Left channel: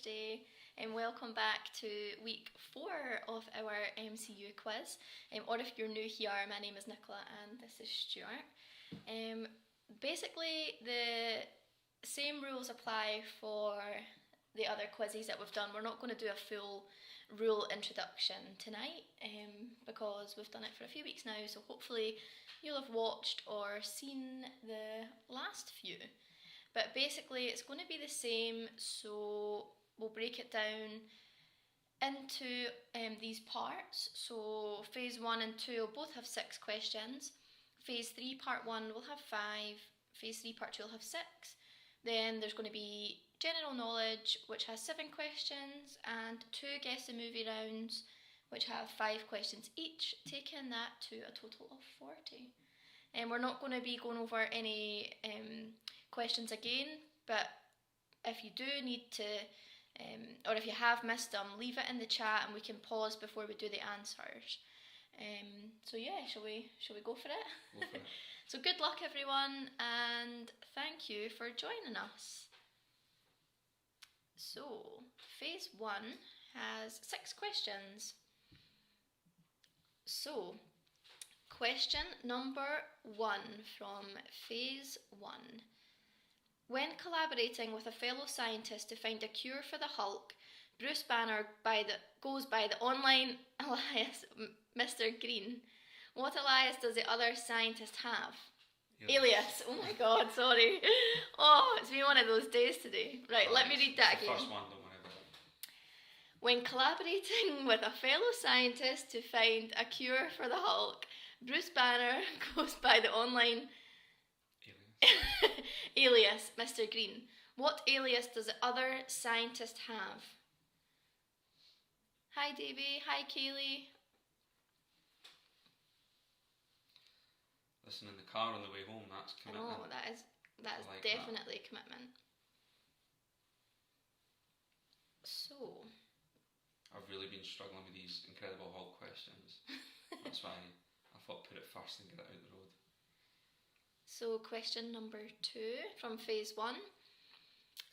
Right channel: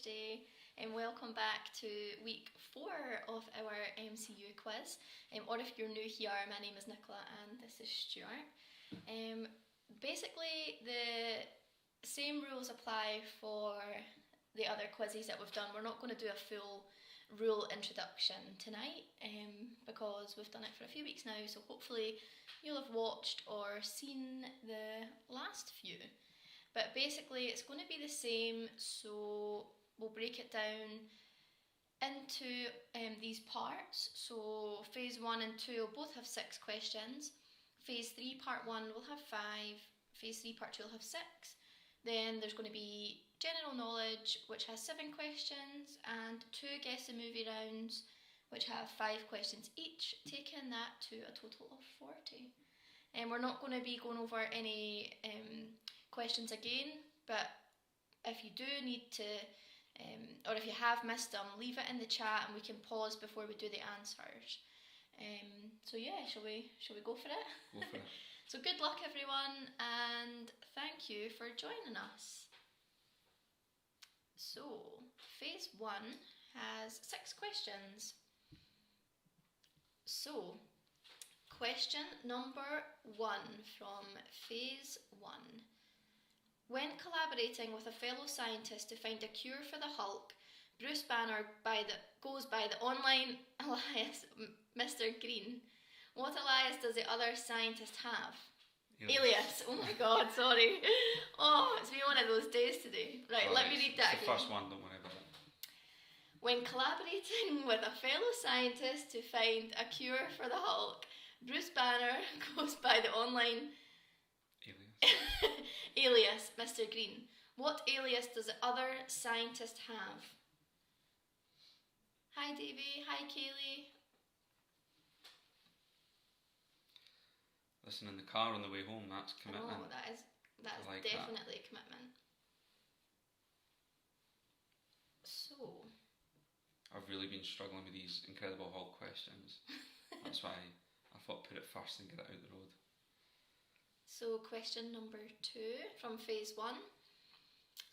Thursday, and welcome back to week 4 of our MCU quiz. Or if you're new here, my name is Nicola and this is Stuart. Basically, the same rules apply for the other quizzes that we've done. We're not going to do a full rule introduction tonight because we've done it for a few weeks now, so hopefully you'll have watched or seen the last few. But basically it's going to be the same, so we'll break it down into these parts. So phase 1 and 2 will both have 6 questions. Phase 3 part 1 will have 5, phase 3 part 2 will have 6. Then there's going to be general knowledge, which has 7 questions, and 2 guess the movie rounds, which have 5 questions each, taking that to a total of 40. And we're not going to be going over any questions again, but if you do need to, or if you have missed them, leave it in the chat and we can pause before we do the answers. So yeah, shall we go for it? Go for it. So good luck everyone, and thank you for joining us. So phase 1 has 6 questions. So question number 1 from phase 1. When collaborating with a fellow scientist to find a cure for the Hulk, Bruce Banner goes by the online alias Mr. Green. What alias does the other scientist have? Alias. Oh my god, sorry. Oh, it's been one of those days today. Right, let me read that again. The first one, don't worry about it. When collaborating with a fellow scientist to find a cure for the Hulk, Bruce Banner goes by the online alias Mr. Green. What alias does the other scientist have? Hi Davey, hi Kaylee. Listen, in the car on the way home, that's commitment. Oh, that is like definitely commitment. So I've really been struggling with these Incredible Hulk questions. That's why I thought put it first and get it out the road. So question number 2 from phase 1.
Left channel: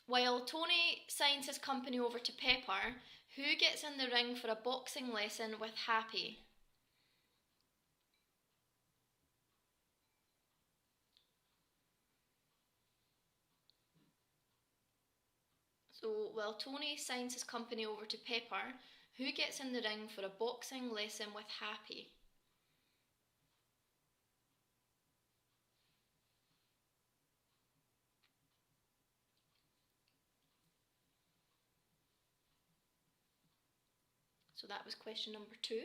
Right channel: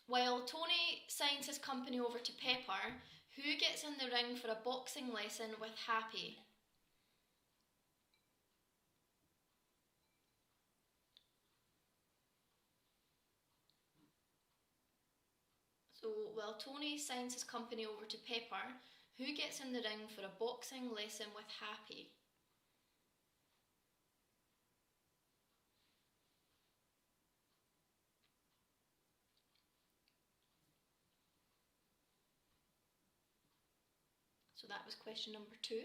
While Tony signs his company over to Pepper, who gets in the ring for a boxing lesson with Happy? So while Tony signs his company over to Pepper, who gets in the ring for a boxing lesson with Happy? So that was question number 2.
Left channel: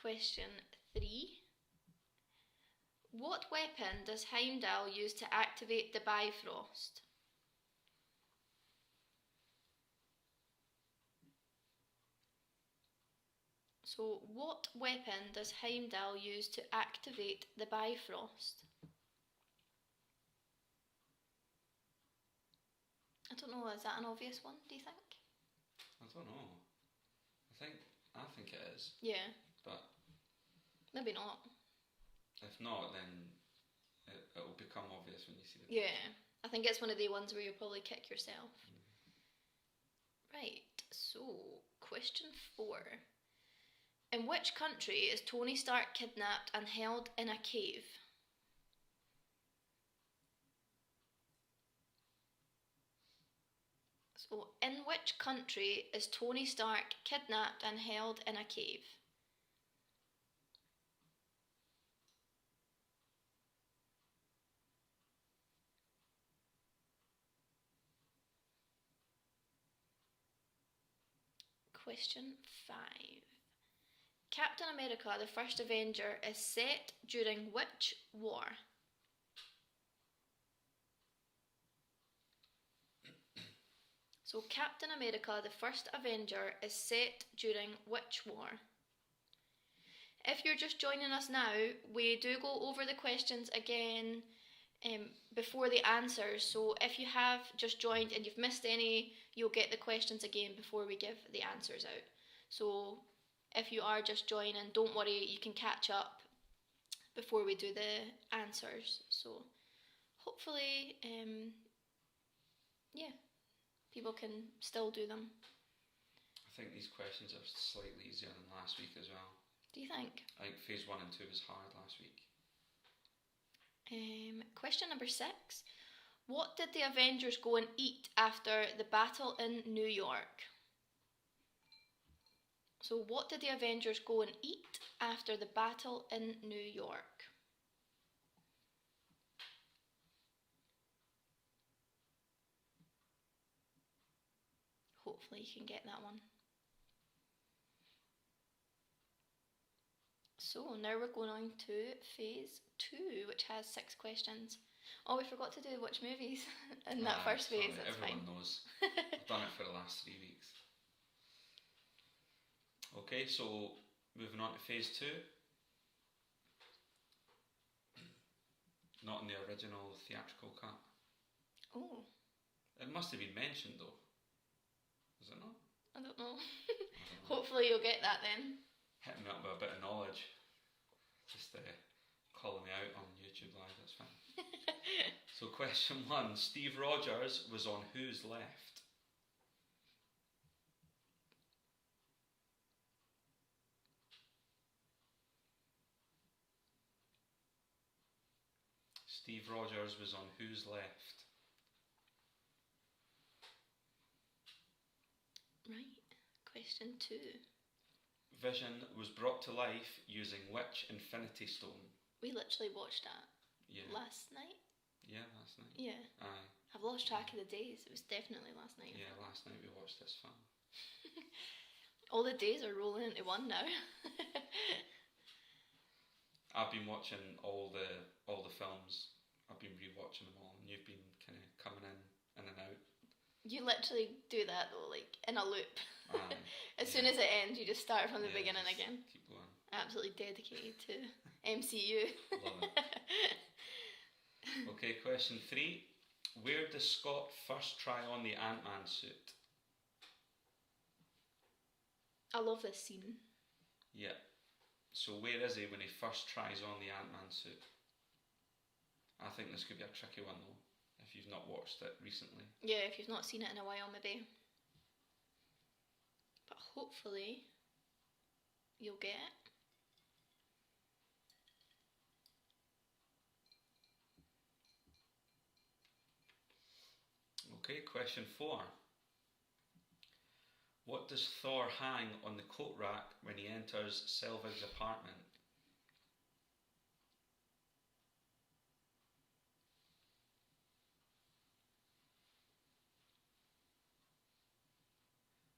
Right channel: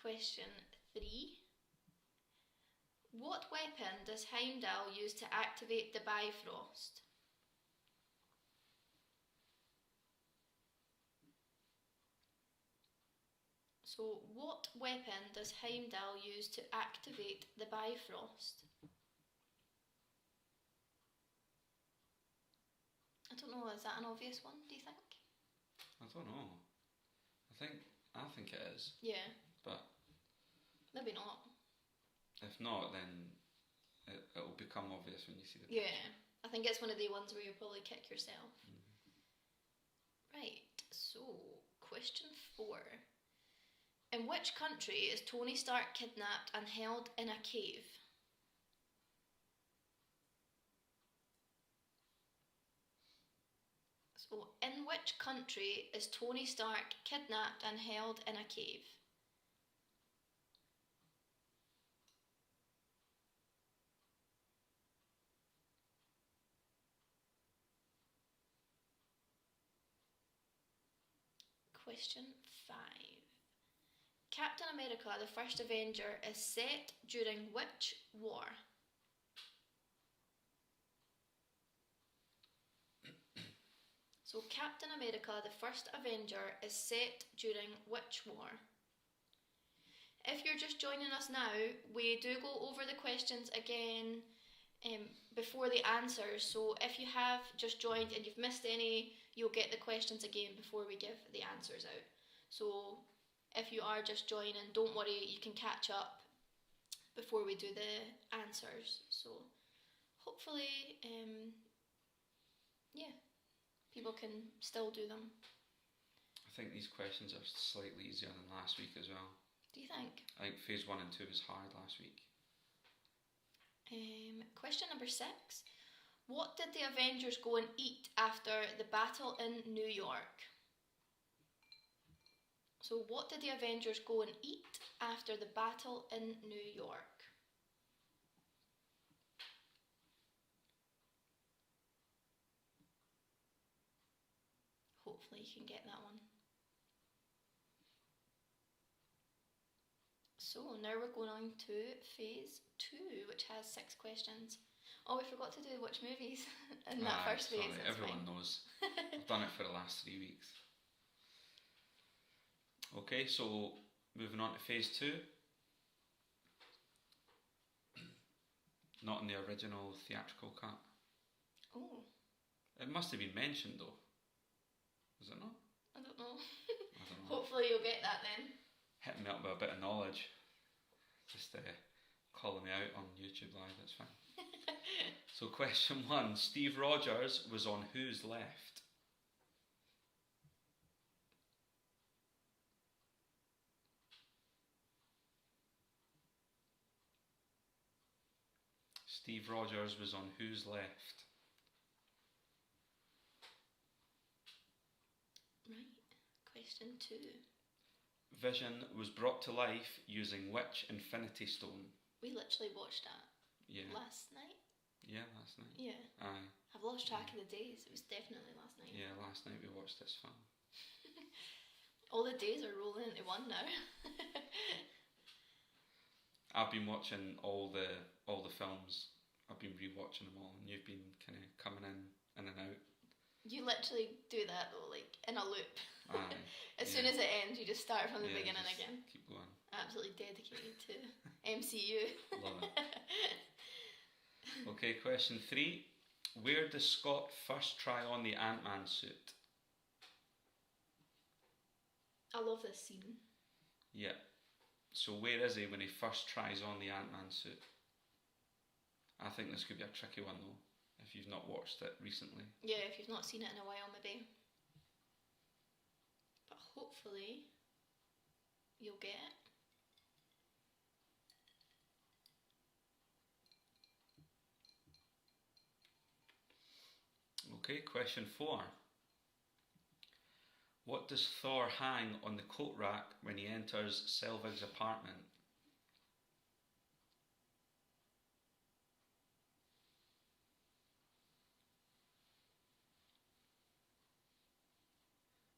Question 3. What weapon does Heimdall use to activate the Bifrost? So what weapon does Heimdall use to activate the Bifrost? I don't know, is that an obvious one, do you think? I don't know. I think it is. Yeah. But maybe not. If not, then it'll become obvious when you see the Yeah. I think it's one of the ones where you'll probably kick yourself. Right, so question 4. In which country is Tony Stark kidnapped and held in a cave? So, in which country is Tony Stark kidnapped and held in a cave? Question 5. Captain America, the first Avenger, is set during which war? So Captain America, the first Avenger, is set during which war? If you're just joining us now, we do go over the questions again before the answers. So if you have just joined and you've missed any, you'll get the questions again before we give the answers out. So if you are just joining, don't worry, you can catch up before we do the answers. So hopefully, people can still do them. I think these questions are slightly easier than last week as well. Do you think? I think phase 1 and 2 was hard last week. Question number 6. What did the Avengers go and eat after the battle in New York? So what did the Avengers go and eat after the battle in New York? Hopefully you can get that one. So now we're going on to phase 2, which has 6 questions. Oh, we forgot to do which movies in that first phase. Sorry, everyone knows. I've done it for the last 3 weeks. Okay, so moving on to phase 2. Not in the original theatrical cut. Oh. It must have been mentioned though. Was it not? I don't know. I don't know. Hopefully you'll get that then. Hitting me up with a bit of knowledge. Just calling me out on YouTube Live, that's fine. So question 1. Steve Rogers was on whose left? Steve Rogers was on whose left? Right. Question 2. Vision was brought to life using which Infinity Stone? We literally watched that last night. Yeah, last night. Yeah. Aye. I've lost track of the days. It was definitely last night. Yeah, last night we watched this film. All the days are rolling into one now. I've been watching all the films. I've been rewatching them all, and you've been kind of coming in and out. You literally do that though, like in a loop. Aye. As soon as it ends, you just start from the beginning just again. Keep going. Absolutely dedicated to MCU. Love it. Okay, question 3. Where does Scott first try on the Ant-Man suit? I love this scene. Yeah. So where is he when he first tries on the Ant-Man suit? I think this could be a tricky one though, if you've not watched it recently. Yeah, if you've not seen it in a while maybe. But hopefully you'll get it. Okay, question 4. What does Thor hang on the coat rack when he enters Selvig's apartment?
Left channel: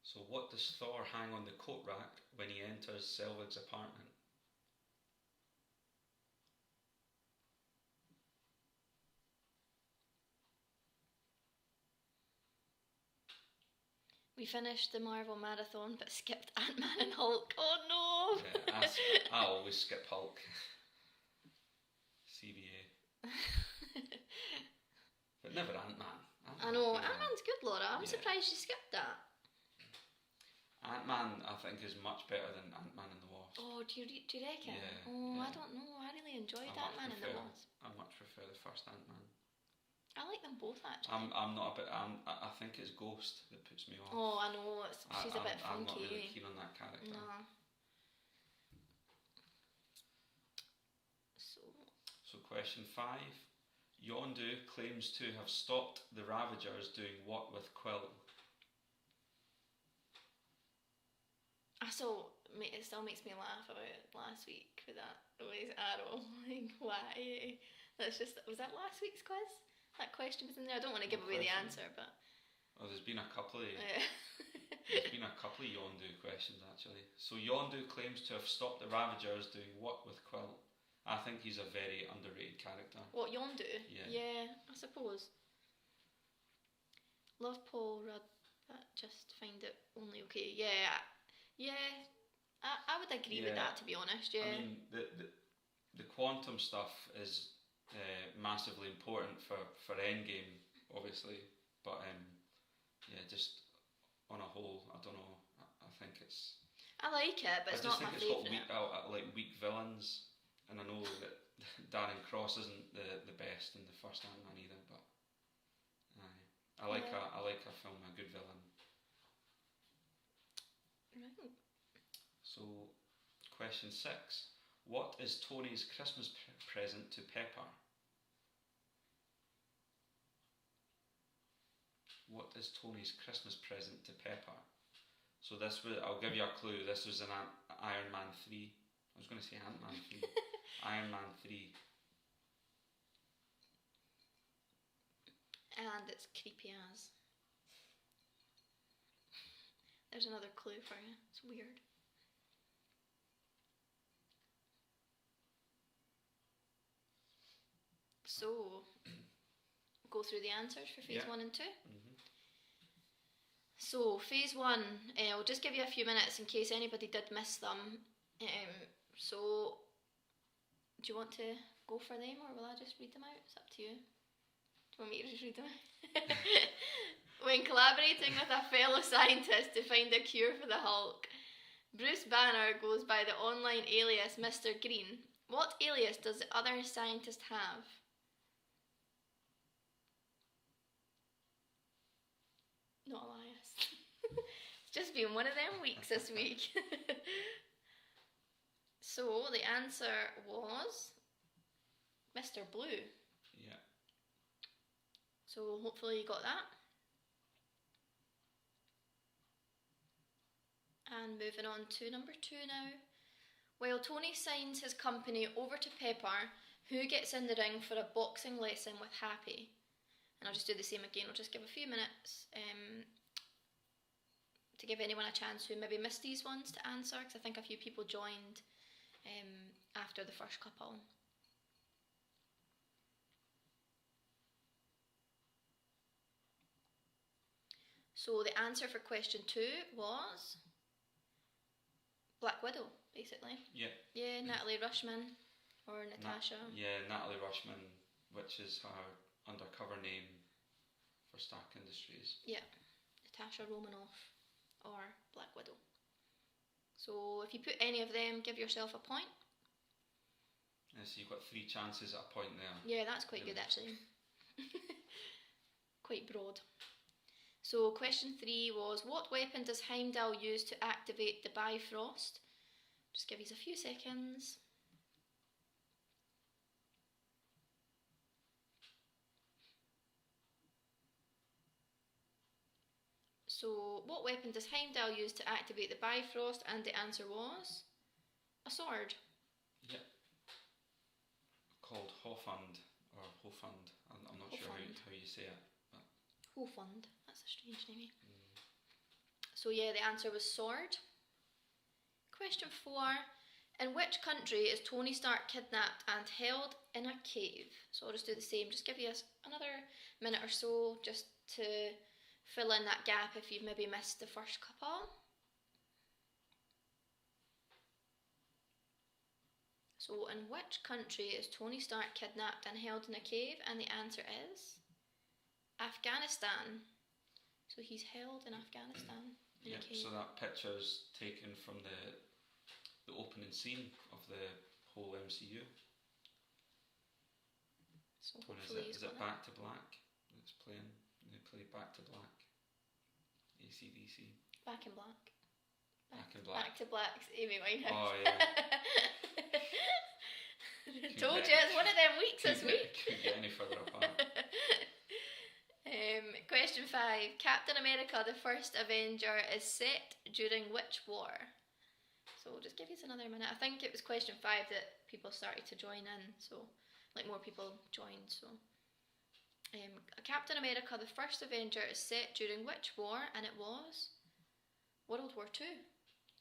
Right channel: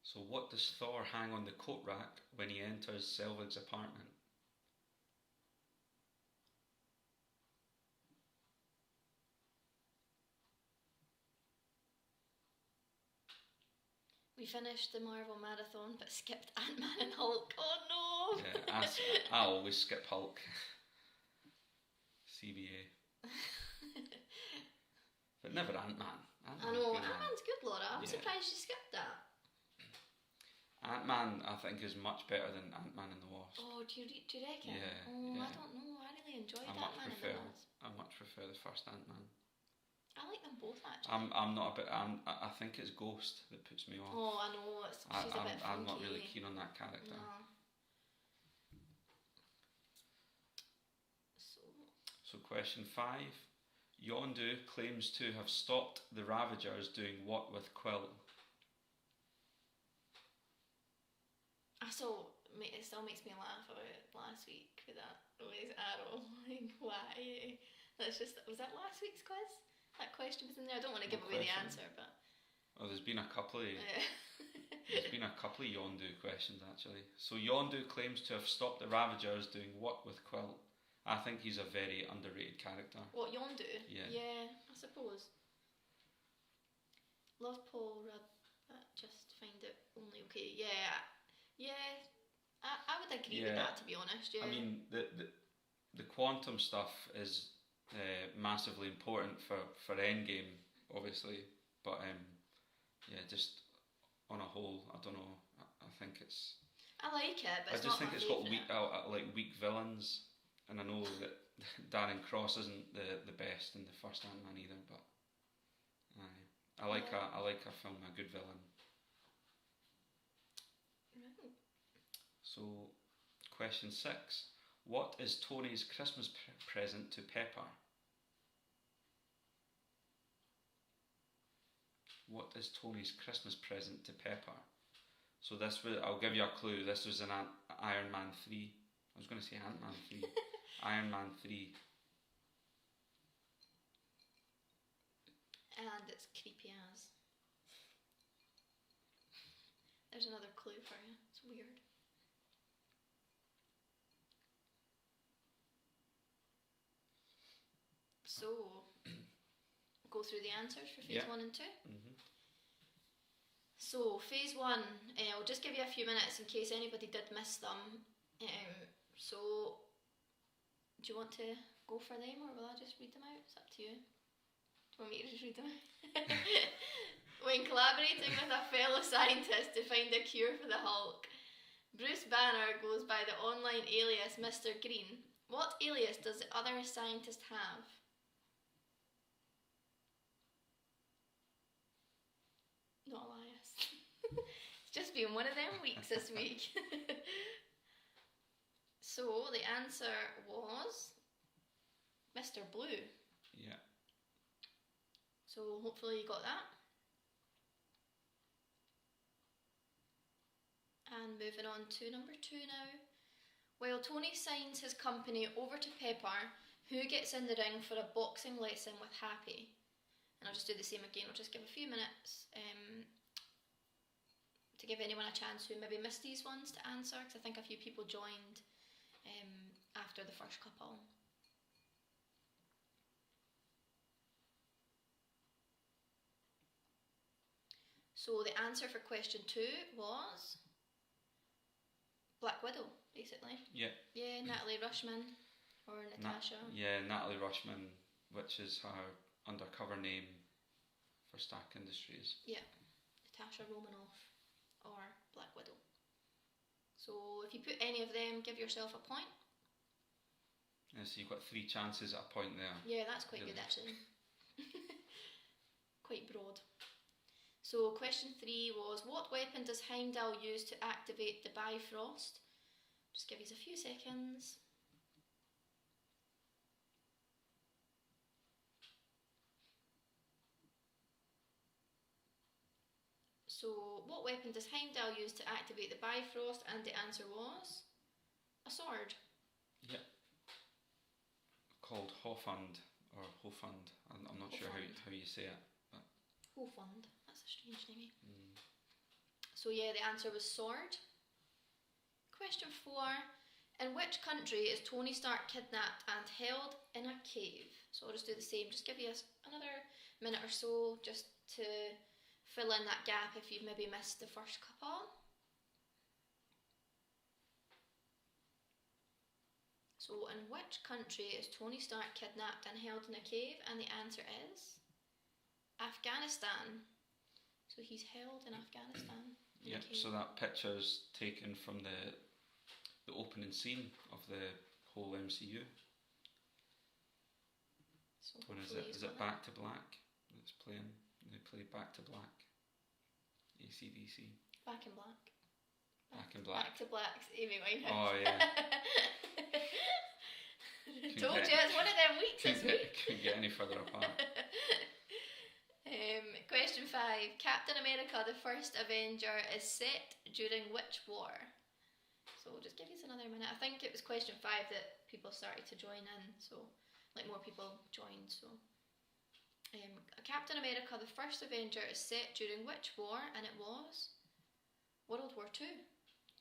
So what does Thor hang on the coat rack when he enters Selvig's apartment? We finished the Marvel Marathon but skipped Ant-Man and Hulk. Oh no! Yeah, I always skip Hulk. CBA. But never Ant-Man. I know, Ant-Man's good, Laura. I'm surprised you skipped that. Ant-Man, I think, is much better than Ant-Man and the Wasp. Oh, do you reckon? Yeah. I don't know. I really enjoyed Ant-Man and the Wasp. I much prefer the first Ant-Man. I like them both actually. I'm not a bit. I think it's Ghost that puts me off. Oh, I know. She's a bit funky. I'm not really keen on that character. No. So question 5. Yondu claims to have stopped the Ravagers doing what with Quill? It still makes me laugh about last week with that always arrow. Like, why? Was that last week's quiz? That question was in there. I don't want to give away the answer, but there's been a couple of there's been a couple of Yondu questions actually. So Yondu claims to have stopped the Ravagers doing what with Quill? I think he's a very underrated character. What, Yondu? Yeah, I suppose. Love Paul Rudd, but just find it only okay. Yeah. I would agree with that, to be honest. Yeah. I mean, the quantum stuff is massively important for Endgame, obviously, but just on a whole, I don't know. I think it's. I like it, but it's not my favourite. I just think it's got weak villains, and I know that Darren Cross isn't the best in the first Ant-Man either, but I like a film, a good villain. Right. So, question 6. What is Tony's Christmas present to Pepper? What is Tony's Christmas present to Pepper? So this was, I'll give you a clue, this was in Iron Man 3. I was going to say Ant-Man 3. Iron Man 3. And it's creepy as. There's another clue for you. It's weird. So, go through the answers for phase 1 and 2. Mm-hmm. So, phase 1, I'll just give you a few minutes in case anybody did miss them. So, do you want to go for them, or will I just read them out? It's up to you. Do you want me to just read them out? When collaborating with a fellow scientist to find a cure for the Hulk, Bruce Banner goes by the online alias Mr. Green. What alias does the other scientist have? Not Elias. It's just been one of them weeks this week. So the answer was Mr. Blue. Yeah. So hopefully you got that. And moving on to number 2 now. While Tony signs his company over to Pepper, who gets in the ring for a boxing lesson with Happy? And I'll just do the same again. I'll just give a few minutes to give anyone a chance who maybe missed these ones to answer, because I think a few people joined after the first couple. So the answer for question 2 was Black Widow, basically. Yeah. Yeah, Natalie Rushman or Natasha. Natalie Rushman, which is her undercover name for Stark Industries. Yeah, Natasha Romanoff or Black Widow. So if you put any of them, give yourself a point. Yeah, so you've got 3 chances at a point there. Yeah, that's quite good actually. Quite broad. So question 3 was, what weapon does Heimdall use to activate the Bifrost? Just give you a few seconds. So what weapon does Heimdall use to activate the Bifrost? And the answer was a sword. Yeah. Called Hofund or Hofund. I'm not sure how you say it. But Hofund. That's a strange name. So yeah, the answer was sword. Question 4. In which country is Tony Stark kidnapped and held in a cave? So I'll just do the same. Just give you another minute or so just to fill in that gap if you've maybe missed the first couple. So in which country is Tony Stark kidnapped and held in a cave? And the answer is Afghanistan. So he's held in Afghanistan. yeah, so that picture's taken from the opening scene of the whole MCU. So what is it? Is it Back to Black that's playing? They play Back to Black. AC/DC. Back in Black. Back in Black. Back to Black's Amy Winehouse. Oh yeah. Told you, it's one of them weeks this week. Couldn't get any further apart. Question 5. Captain America, the first Avenger, is set during which war? So we'll just give you another minute. I think it was question 5 that people started to join in, so like more people joined. So Captain America, the first Avenger, is set during which war? And it was World War II.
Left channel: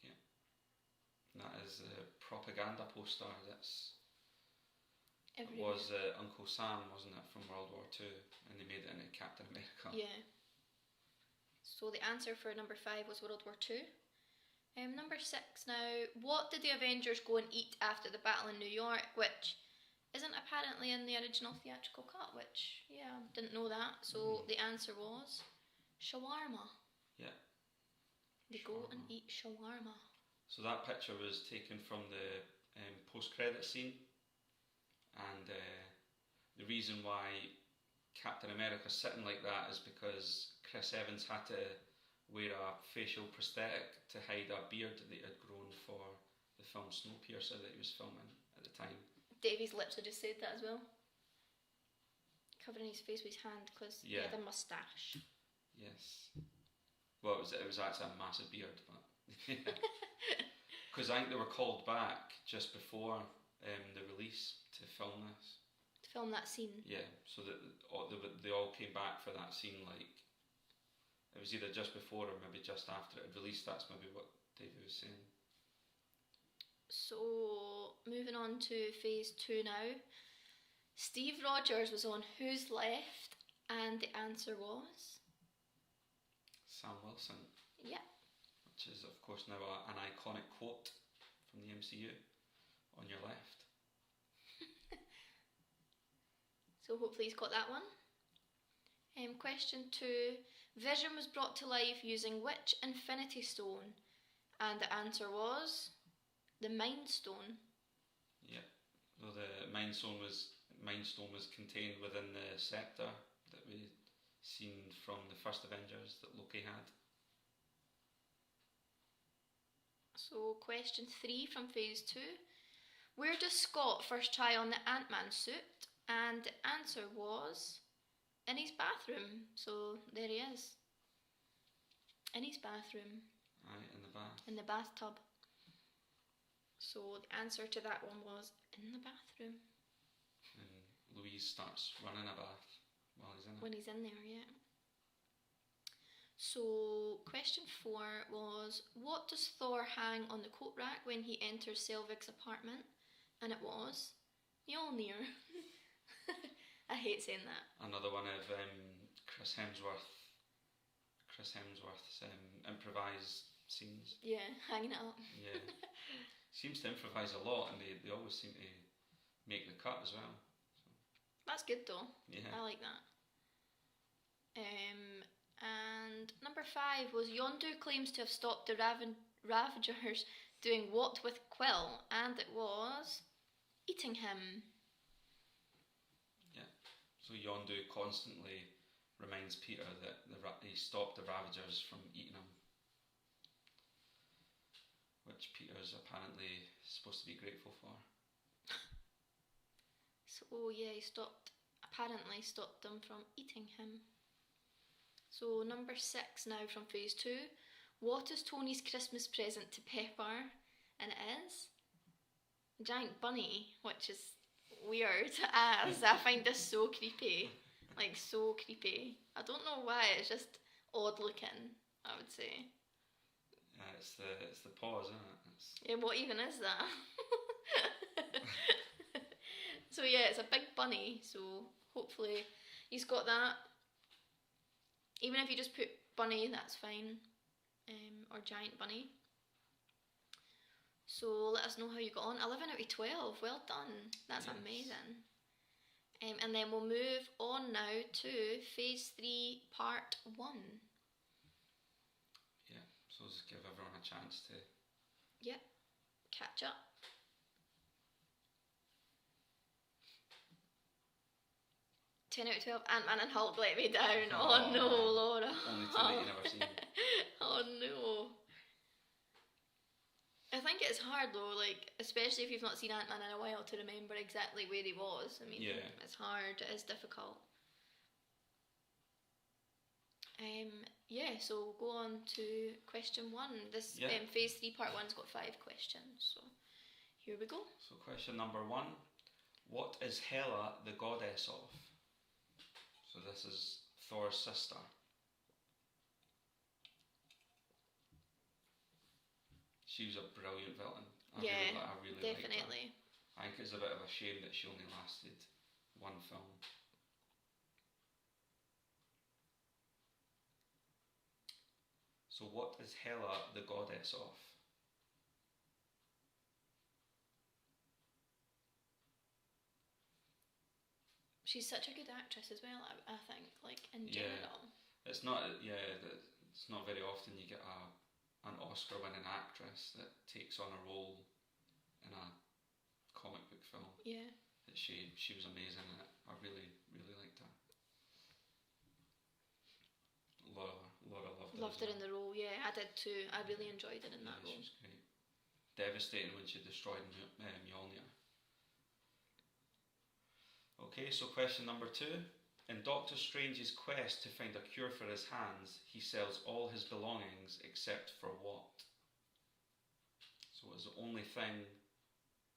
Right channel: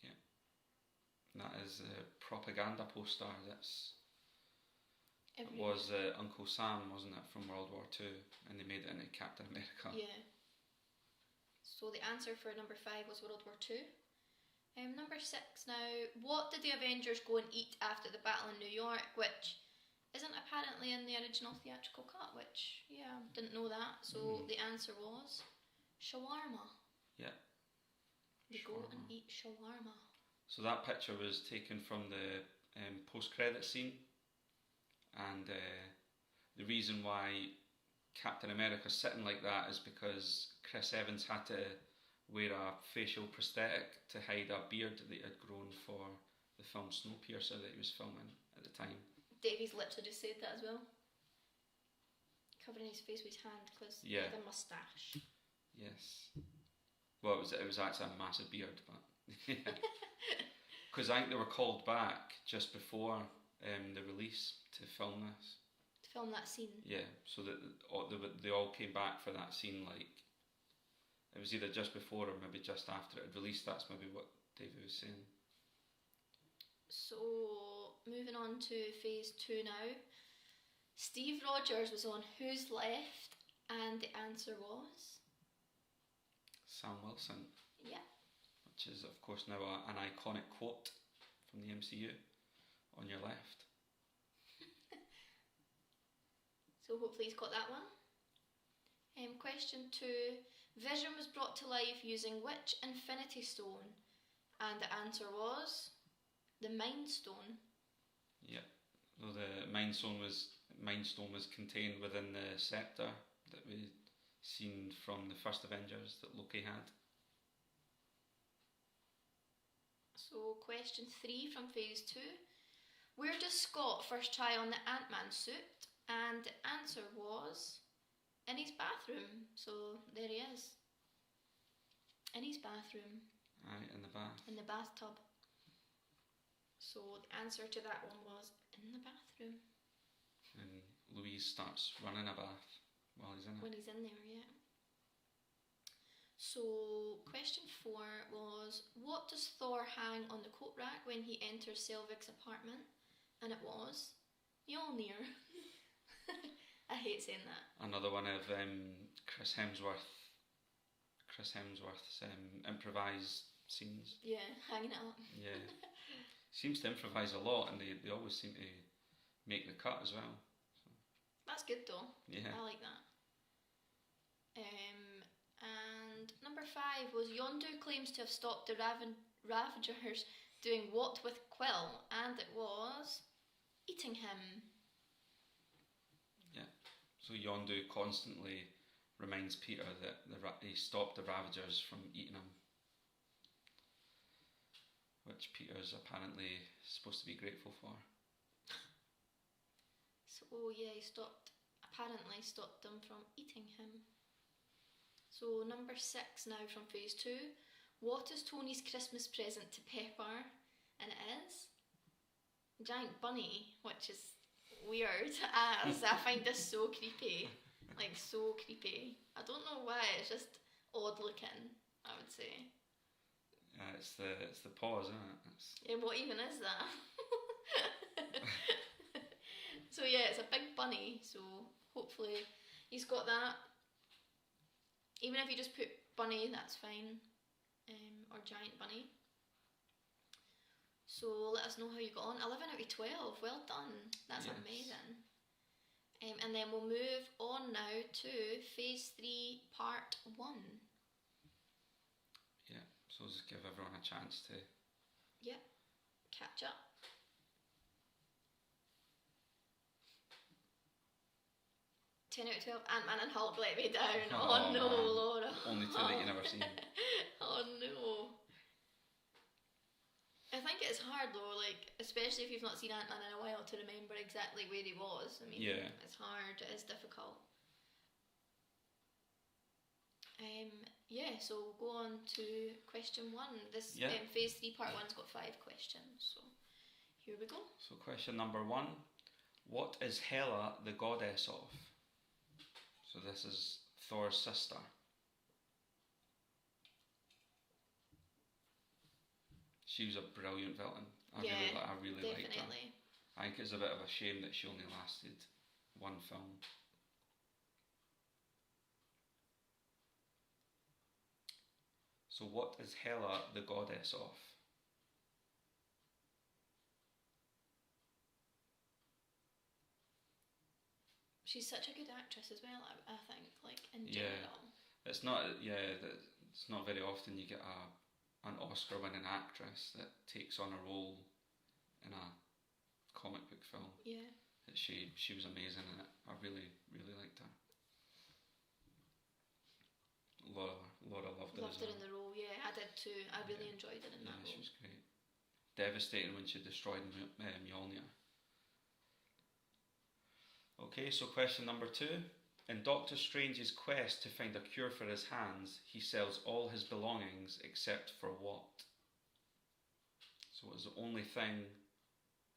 Yeah. That is a propaganda poster that's it was Uncle Sam, wasn't it, from World War II, and they made it into Captain America. Yeah. So the answer for number 5 was World War II. Number 6 now. What did the Avengers go and eat after the battle in New York, which isn't apparently in the original theatrical cut, which, yeah, didn't know that. So the answer was shawarma. Yeah. They go and eat shawarma. So that picture was taken from the post-credit scene. And the reason why Captain America sitting like that is because Chris Evans had to wear a facial prosthetic to hide a beard that he had grown for the film Snowpiercer that he was filming at the time. Davies literally just said that as well. Covering his face with his hand because he had a moustache. Yes. Well, it was actually a massive beard, but because I think they were called back just before the release to film this. To film that scene. Yeah, so that they all came back for that scene. Like it was either just before or maybe just after it had released. That's maybe what David was saying. So moving on to phase 2 now. Steve Rogers was on Who's Left, and the answer was Sam Wilson. Yeah. Which is, of course, now an iconic quote from the MCU. On your left. So hopefully he's got that one. Question 2. Vision was brought to life using which Infinity Stone? And the answer was the Mind Stone. Yeah. Well, the Mind Stone was contained within the scepter that we seen from the first Avengers that Loki had. So question 3 from phase 2. Where does Scott first try on the Ant-Man suit? And the answer was in his bathroom. So there he is. In his bathroom. Aye, in the bath. In the bathtub. So the answer to that one was in the bathroom. And Louise starts running a bath while he's in it. When he's in there, yeah. So question 4 was, what does Thor hang on the coat rack when he enters Selvig's apartment? And it was Mjolnir. I hate saying that. Another one of Chris Hemsworth's improvised scenes. Yeah, hanging it up. Yeah. Seems to improvise a lot, and they always seem to make the cut as well. So. That's good though. Yeah. I like that. And number 5 was Yondu claims to have stopped the Ravagers doing what with Quill? And it was eating him. Yeah. So Yondu constantly reminds Peter that he stopped the Ravagers from eating him. Which Peter's apparently supposed to be grateful for. So yeah, he apparently stopped them from eating him. So number 6 now from phase 2. What is Tony's Christmas present to Pepper? And it is a giant bunny, which is weird as I find this so creepy. Like so creepy. I don't know why, it's just odd looking, I would say. It's the paws, isn't it? Yeah, what even is that? So yeah, it's a big bunny, so hopefully he's got that. Even if you just put bunny, that's fine. Or giant bunny. So let us know how you got on. 11 out of 12, well done. That's amazing. And then we'll move on now to phase 3, part 1. Yeah, so just give everyone a chance to... Yep, catch up. Out of 12, Ant-Man and Hulk let me down. Oh no, man. Laura. Only two that you never seen. Oh no. I think it's hard though, like, especially if you've not seen Ant-Man in a while, to remember exactly where he was. I mean, yeah. It's hard, it is difficult. Yeah, so we'll go on to question 1. This phase 3 part 1's got 5 questions, so here we go. So question number 1. What is Hela the goddess of? So this is Thor's sister. She was a brilliant villain. I really liked her. I think it's a bit of a shame that she only lasted one film. So what is Hela the goddess of? She's such a good actress as well, I think, like, in general. It's not very often you get an Oscar-winning actress that takes on a role in a comic book film. Yeah. She was amazing in it. I really, really liked her. loved her in the role. Yeah, I did too. I really enjoyed her in that role. She was great. Devastating when she destroyed Mjolnir. Okay, so question number 2. In Doctor Strange's quest to find a cure for his hands, he sells all his belongings except for what? So what is the only thing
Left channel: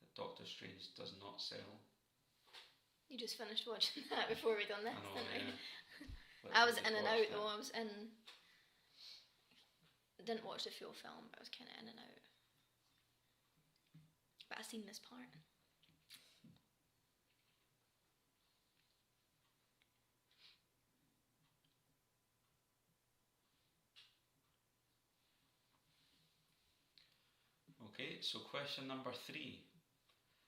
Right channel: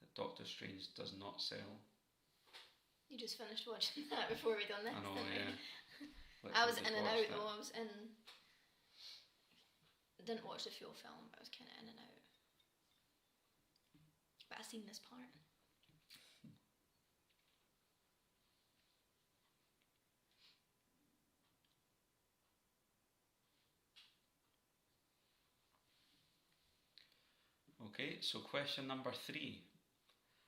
that Doctor Strange does not sell? You just finished watching that before we done this. I know, yeah. I was in and out though. I was in. I didn't watch the full film, but I was kind of in and out. But I seen this part. Okay, so question number 3.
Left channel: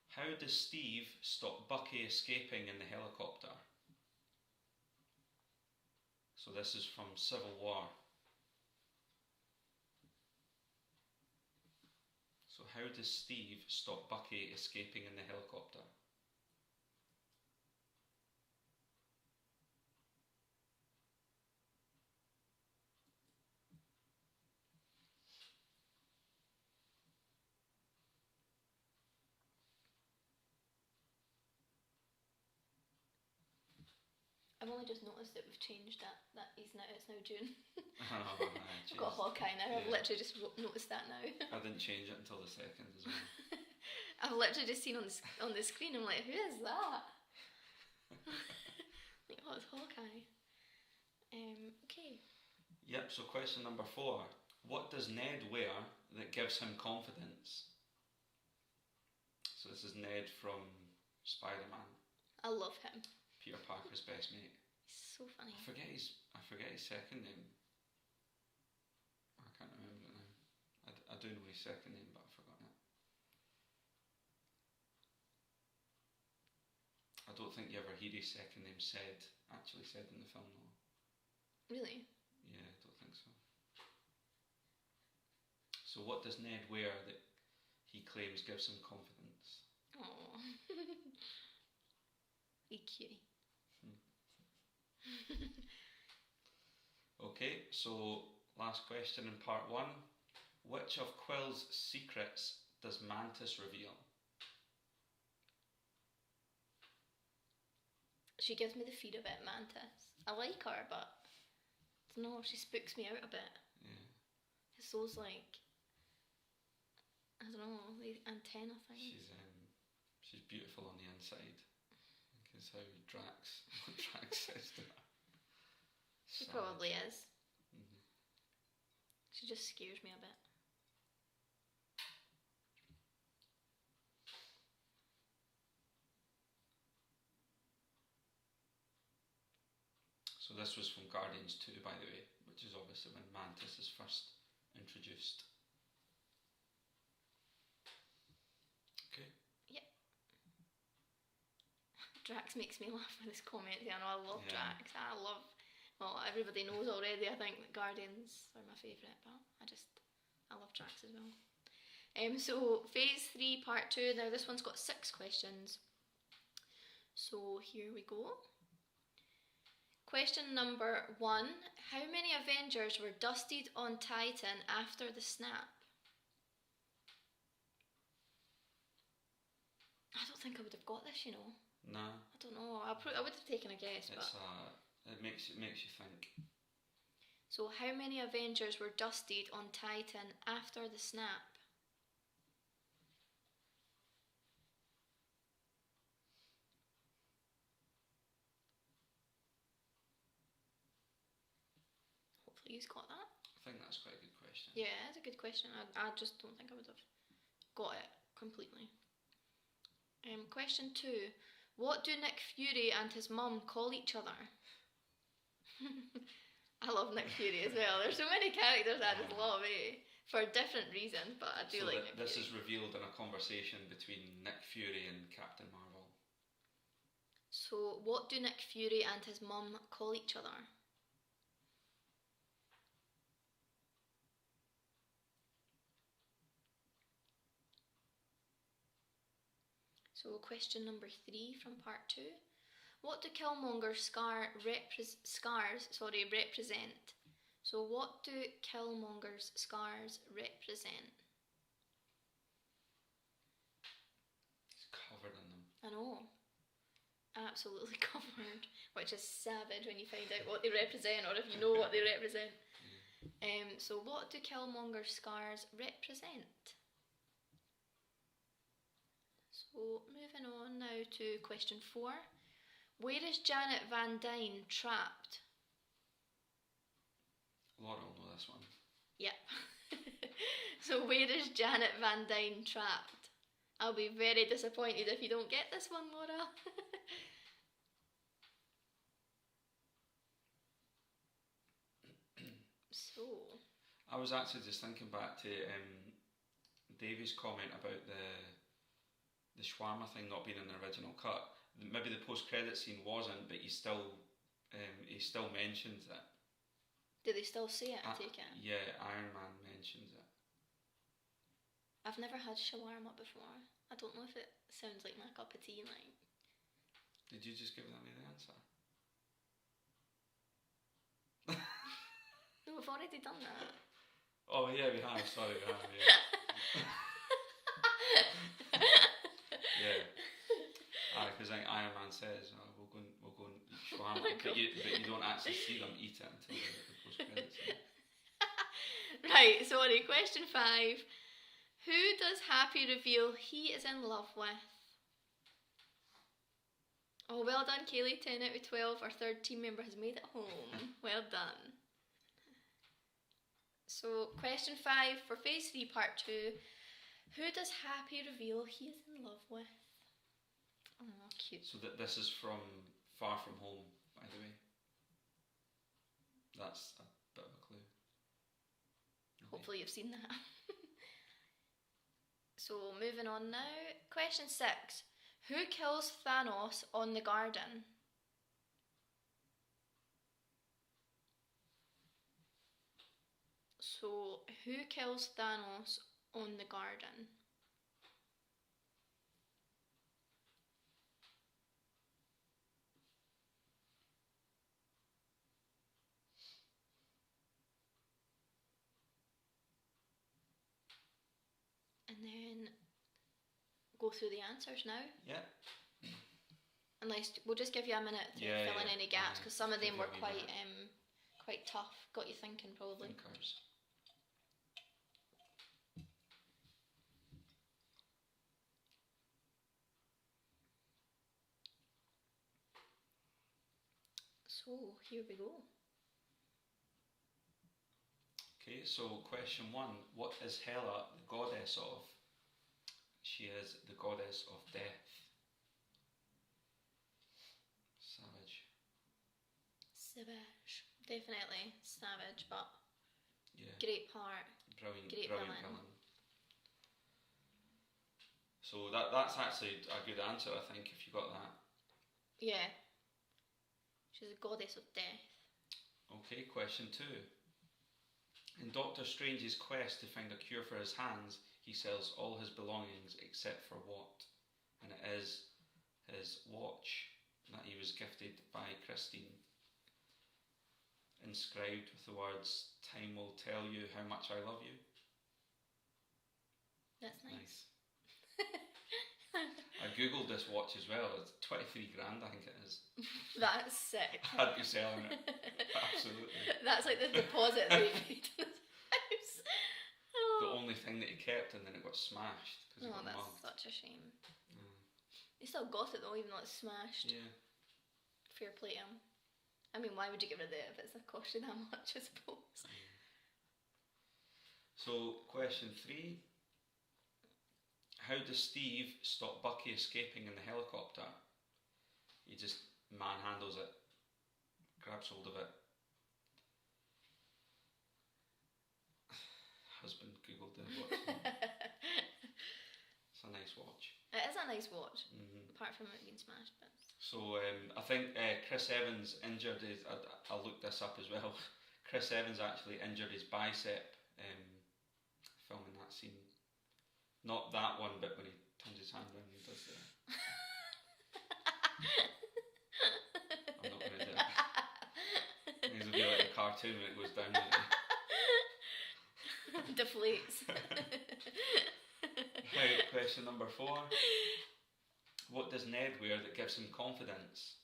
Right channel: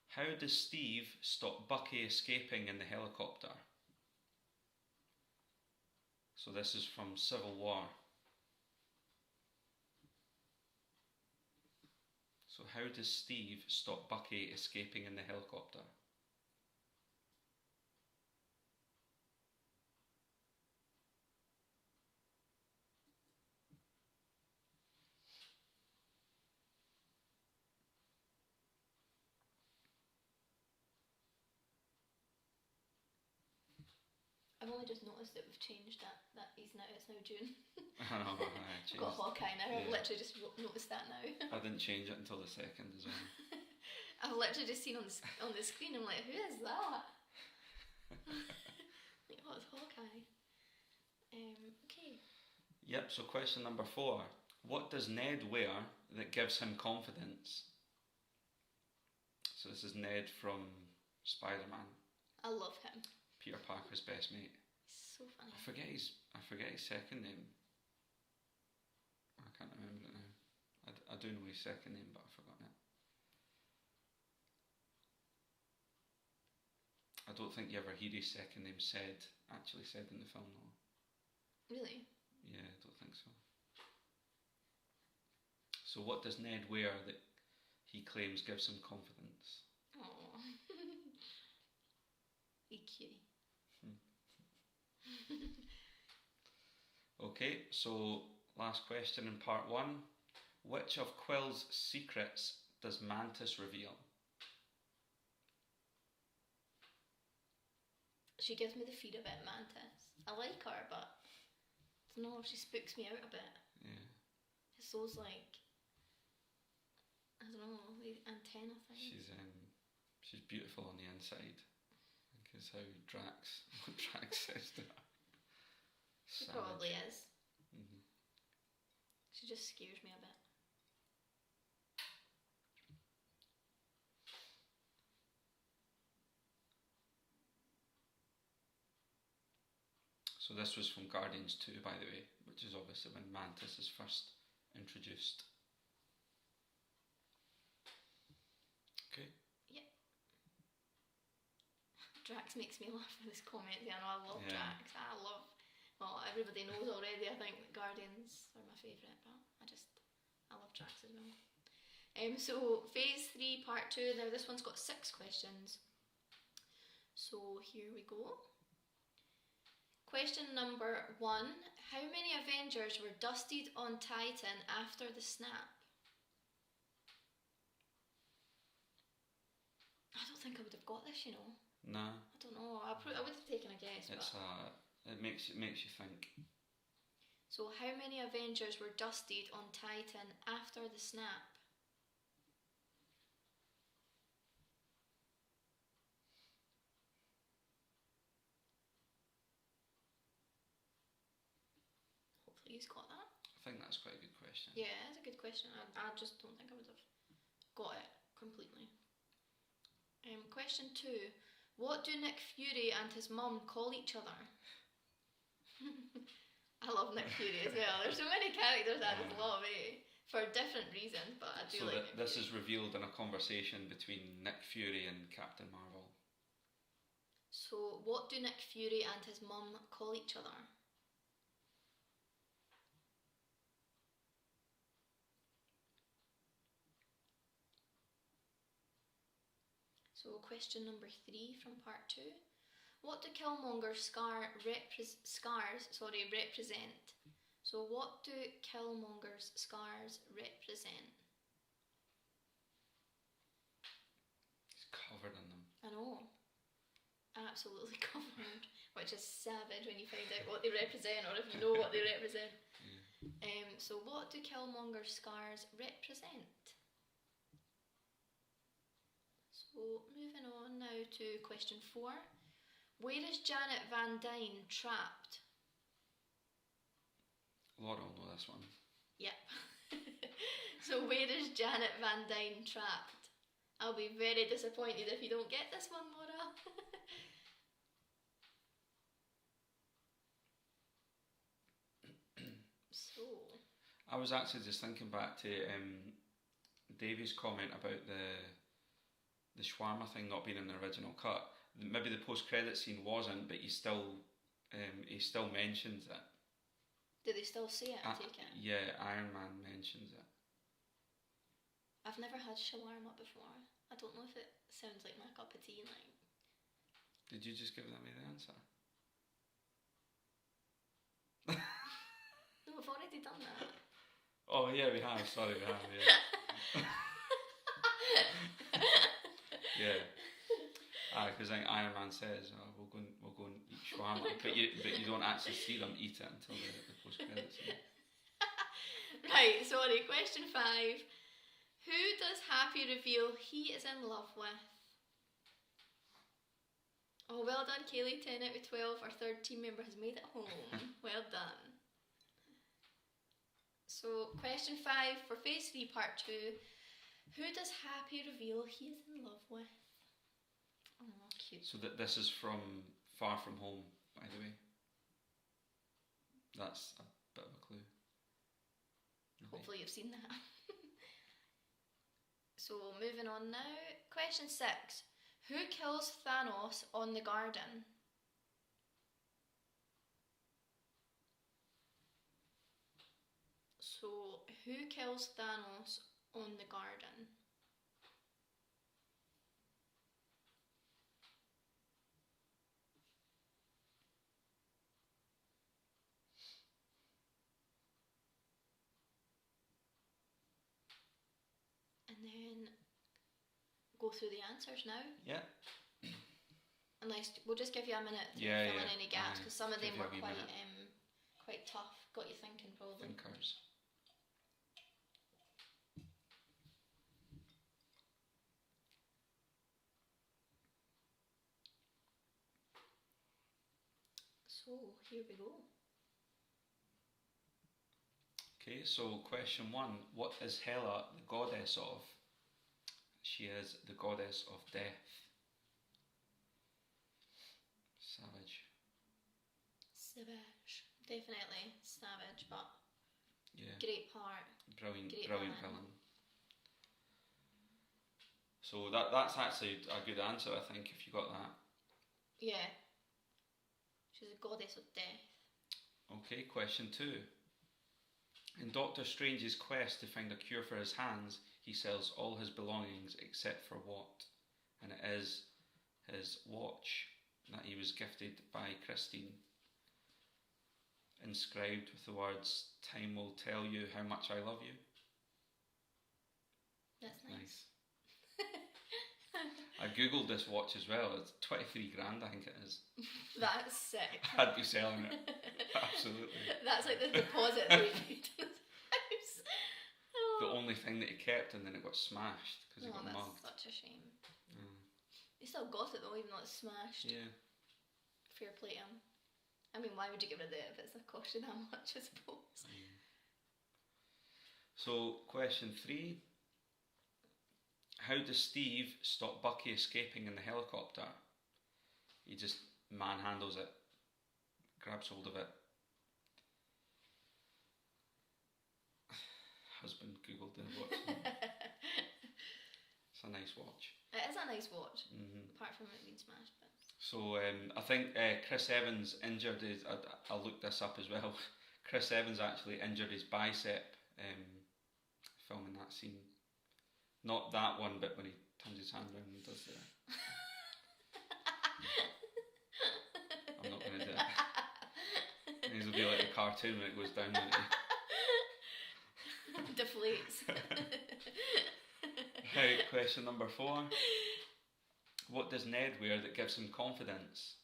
How does Steve stop Bucky escaping in the helicopter? So this is from Civil War. So how does Steve stop Bucky escaping in the helicopter? I've only just noticed that we've changed that it's now June. I I've got Hawkeye now. I've literally just noticed that now. I didn't change it until the 2nd as well. I've literally just seen on the screen. I'm like, who is that? Like, oh, it's Hawkeye. Okay. Yep. So question number 4. What does Ned wear that gives him confidence? So this is Ned from Spider-Man. I love him. Peter Parker's best mate. He's so funny. I forget his second name. I can't remember it now. I do know his second name, but I've forgotten it. I don't think you ever hear his second name actually said in the film though. Really? Yeah, I don't think so. So what does Ned wear that he claims gives him confidence? Oh. He cutie. Okay, so last question in part 1. Which of Quill's secrets does Mantis reveal? She gives me the feed a bit, Mantis. I like her, but I don't know, she spooks me out a bit. Yeah. It's those like, I don't know, the antenna thing. She's beautiful on the inside. I think is how Drax says that. She probably is. Mm-hmm. She just scares me a bit. So this was from Guardians 2, by the way, which is obviously when Mantis is first introduced. Okay. Yep. Drax makes me laugh with his comments. I know I love Drax. Well, everybody knows already, I think, that Guardians are my favourite, but I love Drax as well. So, Phase 3, Part 2. Now, this one's got 6 questions. So, here we go. Question number 1. How many Avengers were dusted on Titan after the snap? I don't think I would have got this, you know. No. I don't know. I would have taken a guess, It makes you think. So, how many Avengers were dusted on Titan after the snap? Hopefully you've got that. I think that's quite a good question. Yeah, it's a good question. I just don't think I would have got it completely. Question 2. What do Nick Fury and his mum call each other? I love Nick Fury as well. There's so many characters I just love, for different reasons, but I do so like Nick this Fury. is revealed in a conversation between Nick Fury and Captain Marvel. So, what do Nick Fury and his mum call each other? So, question number 3 from part 2. What do Killmonger's scars represent? So what do Killmonger's scars represent? He's covered in them. I know. Absolutely covered. Which is savage when you find out what they represent, or if you know what they represent. So what do Killmonger's scars represent? So moving on now to question 4. Where is Janet Van Dyne trapped? Laura will know this one. Yep. So where is Janet Van Dyne trapped? I'll be very disappointed if you don't get this one, Laura. So I was actually just thinking back to Davey's comment about the shawarma thing not being in the original cut. Maybe the post-credit scene wasn't, but he still mentions it. do they still say it, I take it? Yeah, Iron Man mentions it. I've never had shawarma before. I don't know if it sounds like my cup of tea, like. Did you just give that me the answer? No, we've already done that. Oh yeah, we have. Sorry, we have. Yeah. Yeah. Because Iron Man says, "We'll go and eat shawarma," but you don't actually see them eat it until the post credits scene. Right. Sorry. Question 5. Who does Happy reveal he is in love with? Oh, well done, Kaylee. 10 out of 12. Our third team member has made it home. Well done. So, question 5 for phase 3, part 2. Who does Happy reveal he is in love with? Oh, cute. So this is from Far From Home, by the way. That's a bit of a clue. Okay. Hopefully you've seen that. So, moving on now. Question 6. Who kills Thanos on the garden? So, who kills Thanos on the garden? And then go through the answers now. Yeah. Unless we'll just give you a minute to fill in any gaps, because some of them were quite tough. Got you thinking, probably. Thinkers. So here we go. Okay, so question 1. What is Hela the goddess of? She is the goddess of death. Savage. Definitely savage, but yeah, great part. Brilliant villain. villain. So that's actually a good answer, I think, if you got that. Yeah. She's a goddess of death. Okay, question 2. In Doctor Strange's quest to find a cure for his hands, he sells all his belongings except for what? And it is his watch that he was gifted by Christine, inscribed with the words, "Time will tell you how much I love you." That's nice. I googled this watch as well. It's 23 grand, I think it is. That's sick. I'd be selling it. Absolutely. That's like the deposit they made in his house. Oh. The only thing that he kept, and then it got smashed because it got that's mugged. Such a shame. He still got it though, even though it's smashed. Yeah. Fair play to him. I mean, why would you give rid of it if it's cost you that much, I suppose? So, question 3. How does Steve stop Bucky escaping in the helicopter? He just manhandles it, grabs hold of it. Husband googled the watch. It's a nice watch. It is a nice watch, apart from it being smashed. But... So I think Chris Evans injured his. I looked this up as well. Chris Evans actually injured his bicep filming that scene. Not that one, but when he turns his hand around and does the... I'm not going to do it. These will be like the cartoon when it goes down. Doesn't it? Deflates. Right, question number 4. What does Ned wear that gives him confidence?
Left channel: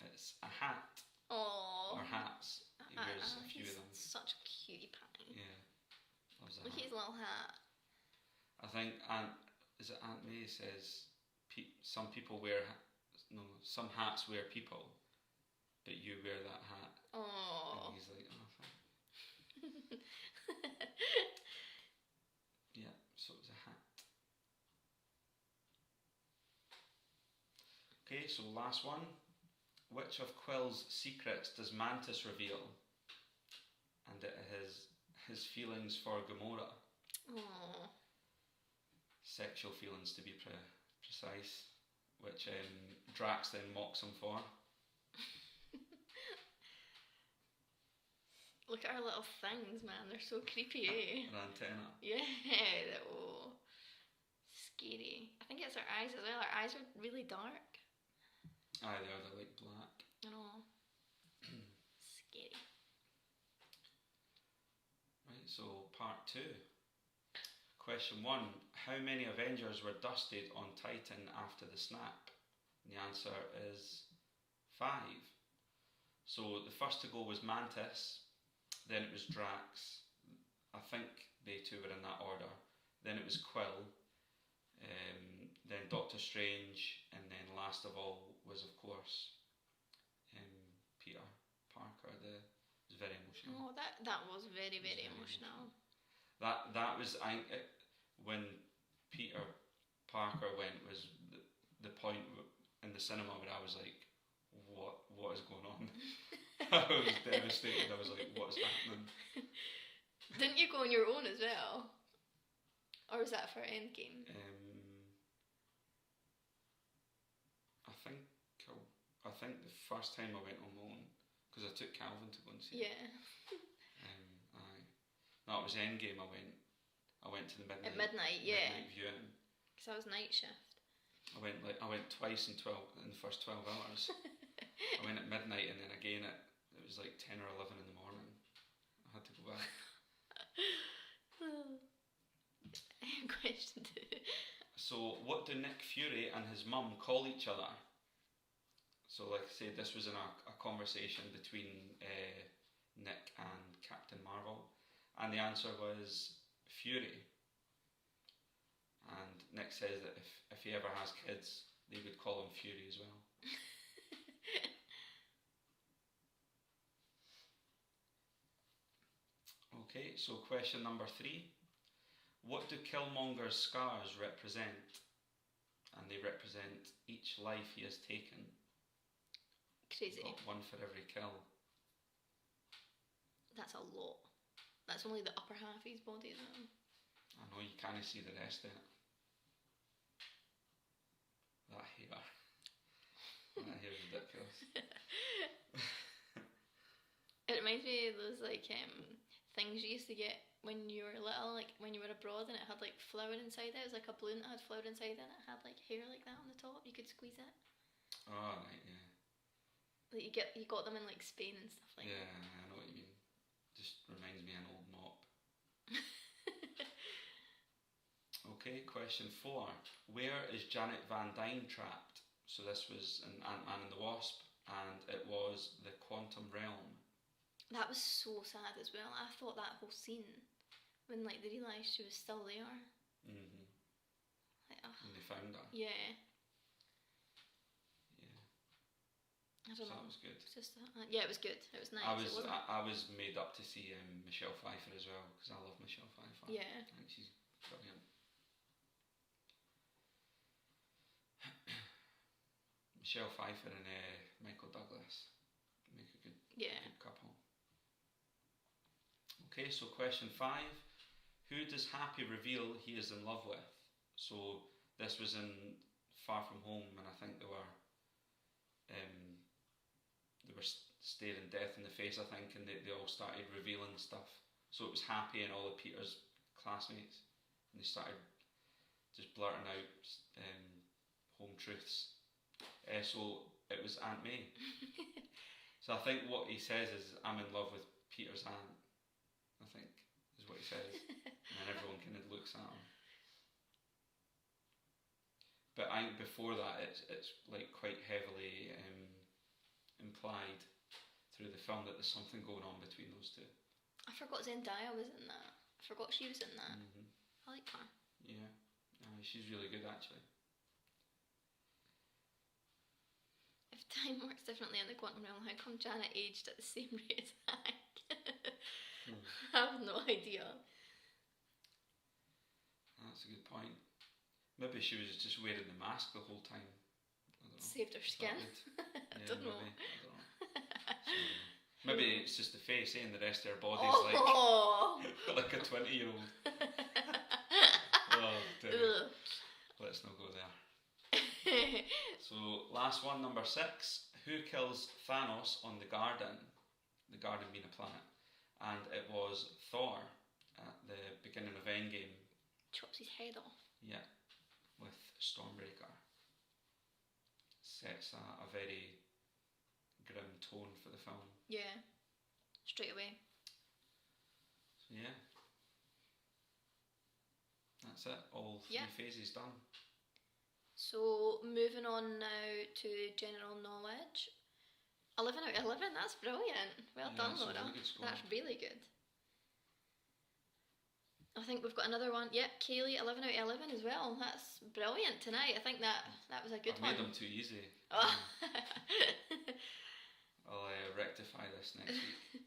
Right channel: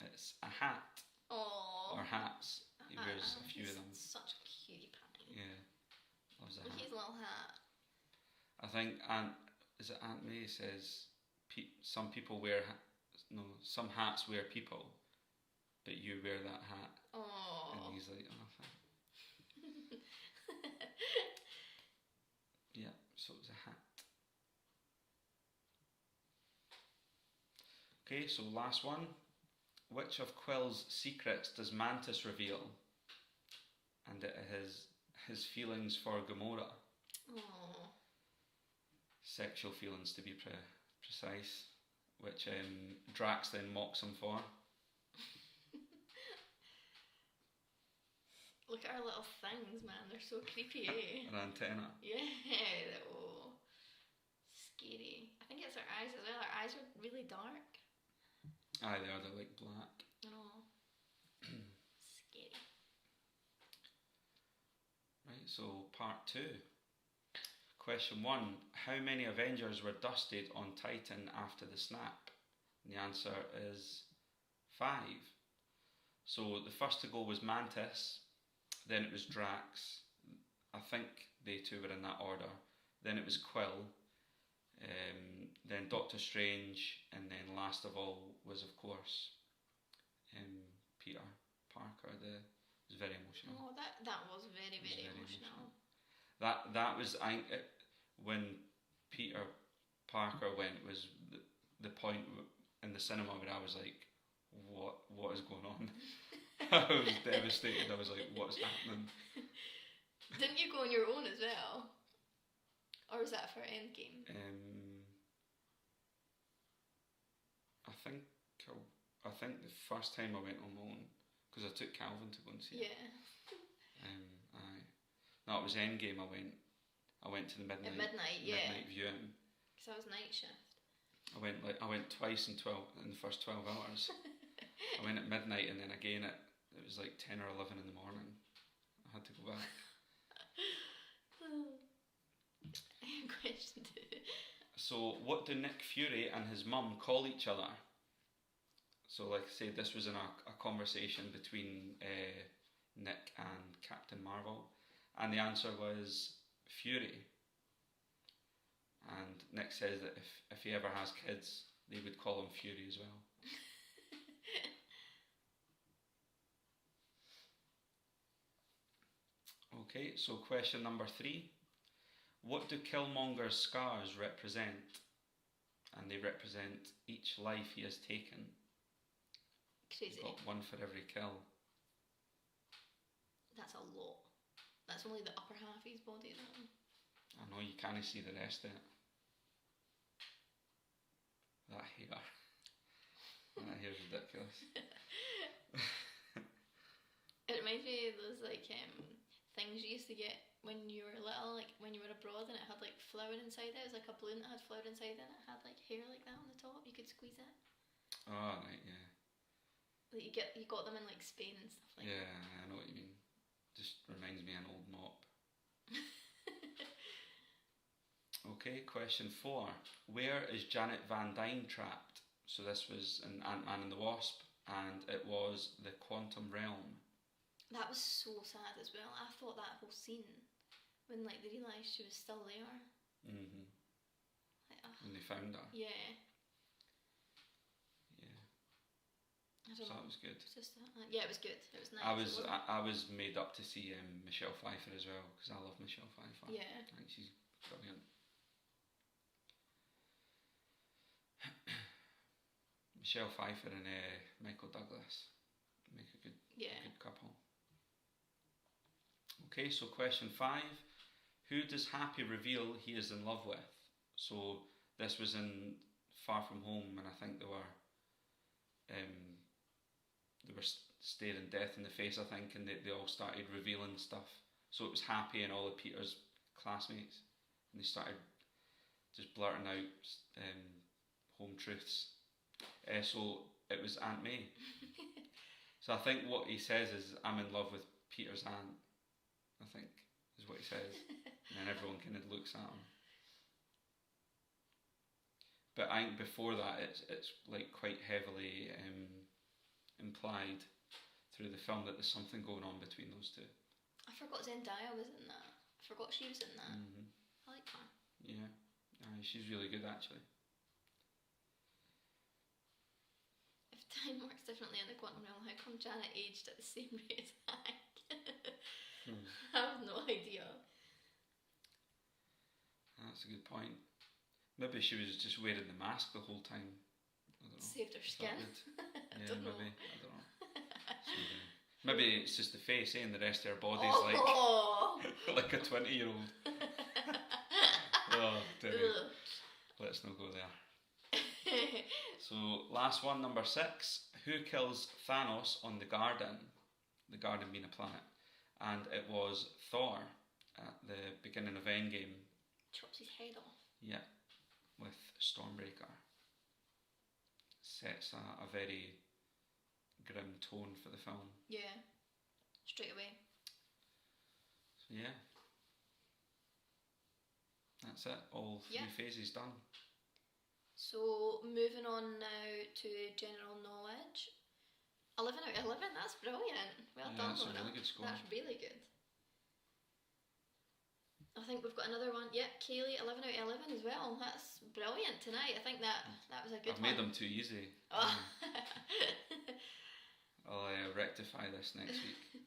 It's a hat. Oh. Or hats. He wears a few of them. Such a cutie pie. Yeah. Loves a Look at his little hat. I think Aunt May says some people wear some hats wear people, but you wear that hat. Oh. And he's like, oh, thanks. Yeah, so it was a hat. Okay, so last one. Which of Quill's secrets does Mantis reveal? And it is his feelings for Gamora. Oh. Sexual feelings, to be precise, which Drax then mocks him for. Look at our little things, man. They're so creepy, eh? An antenna. Yeah. Oh. Scary. I think it's our eyes as well. Our eyes are really dark. Aye, they are. They're like black. I know. Scary. Right, so part 2. Question 1. How many Avengers were dusted on Titan after the snap? And the answer is 5. So the first to go was Mantis, then it was Drax. I think they two were in that order. Then it was Quill, then Doctor Strange, and then last of all was, of course, Peter Parker. It was very emotional. Oh, that was very, very emotional. That was when Peter Parker went was the point in the cinema where I was like, what is going on? I was devastated. I was like, what's happening? Didn't you go on your own as well? Or was that for Endgame? I think the first time I went on my own, because I took Calvin to go and see it. Yeah. Aye. No, it was Endgame. I went to the midnight. At midnight, yeah. Midnight viewing. Because I was night shift. I went twice in the first 12 hours. I went at midnight and then again it was like 10 or 11 in the morning. I had to go back. Question 2. So, what do Nick Fury and his mum call each other? So, like I said, this was in a conversation between Nick and Captain Marvel, and the answer was Fury. And Nick says that if he ever has kids, they would call him Fury as well. Okay, so question number 3. What do Killmonger's scars represent? And they represent each life he has taken. Crazy. He's got one for every kill. That's a lot. That's only the upper half of his body, isn't it? I know, you can't see the rest of it. That hair. That hair's ridiculous. It reminds me of those things you used to get when you were little, like when you were abroad and it had like flour inside it. It was like a balloon that had flour inside it and it had like hair like that on the top. You could squeeze it. Oh, right, yeah. Like you got them in like Spain and stuff like that. Yeah, I know what you mean. Just reminds me of an old mop. Okay, question 4. Where is Janet Van Dyne trapped? So this was in Ant-Man and the Wasp, and it was the Quantum Realm. That was so sad as well. I thought that whole scene when like they realised she was still there. Mhm. Like, when they found her. Yeah. Yeah. I don't know. That was good. Just that. Yeah, it was good. It was nice. I was made up to see Michelle Pfeiffer as well because I love Michelle Pfeiffer. Yeah. I think she's brilliant. Michelle Pfeiffer and Michael Douglas make a good couple. Okay, so question 5. Who does Happy reveal he is in love with? So this was in Far From Home, and I think they were staring death in the face, I think, and they all started revealing stuff. So it was Happy and all of Peter's classmates, and they started just blurting out home truths. So it was Aunt May. So I think what he says is, I'm in love with Peter's aunt, I think, is what he says. And then everyone kind of looks at him. But I think before that, it's like quite heavily implied through the film that there's something going on between those two. I forgot Zendaya was in that. I forgot she was in that. Mm-hmm. I like her. Yeah, she's really good actually. If time works differently in the quantum realm, how come Janet aged at the same rate as Hank? I have no idea. That's a good point. Maybe she was just wearing the mask the whole time. I don't know. Saved her skin. Yeah, I don't know. maybe. I don't know. Maybe it's just the face, and the rest of her body's like a 20-year-old. Oh, dear. Let's not go there. So, last one, number 6. Who kills Thanos on the Garden? The Garden being a planet. And it was Thor at the beginning of Endgame. Chops his head off. Yeah, with Stormbreaker. Sets a very grim tone for the film. Yeah, straight away. So yeah, that's it. All 3 phases done. So moving on now to general knowledge. 11 out of 11, that's brilliant. Well done, that's Laura. a really good score. That's really good. I think we've got another one. Yep, Kaylee, 11 out of 11 as well. That's brilliant tonight. I think that was a good I've one. made them too easy. Oh. I'll rectify this next week.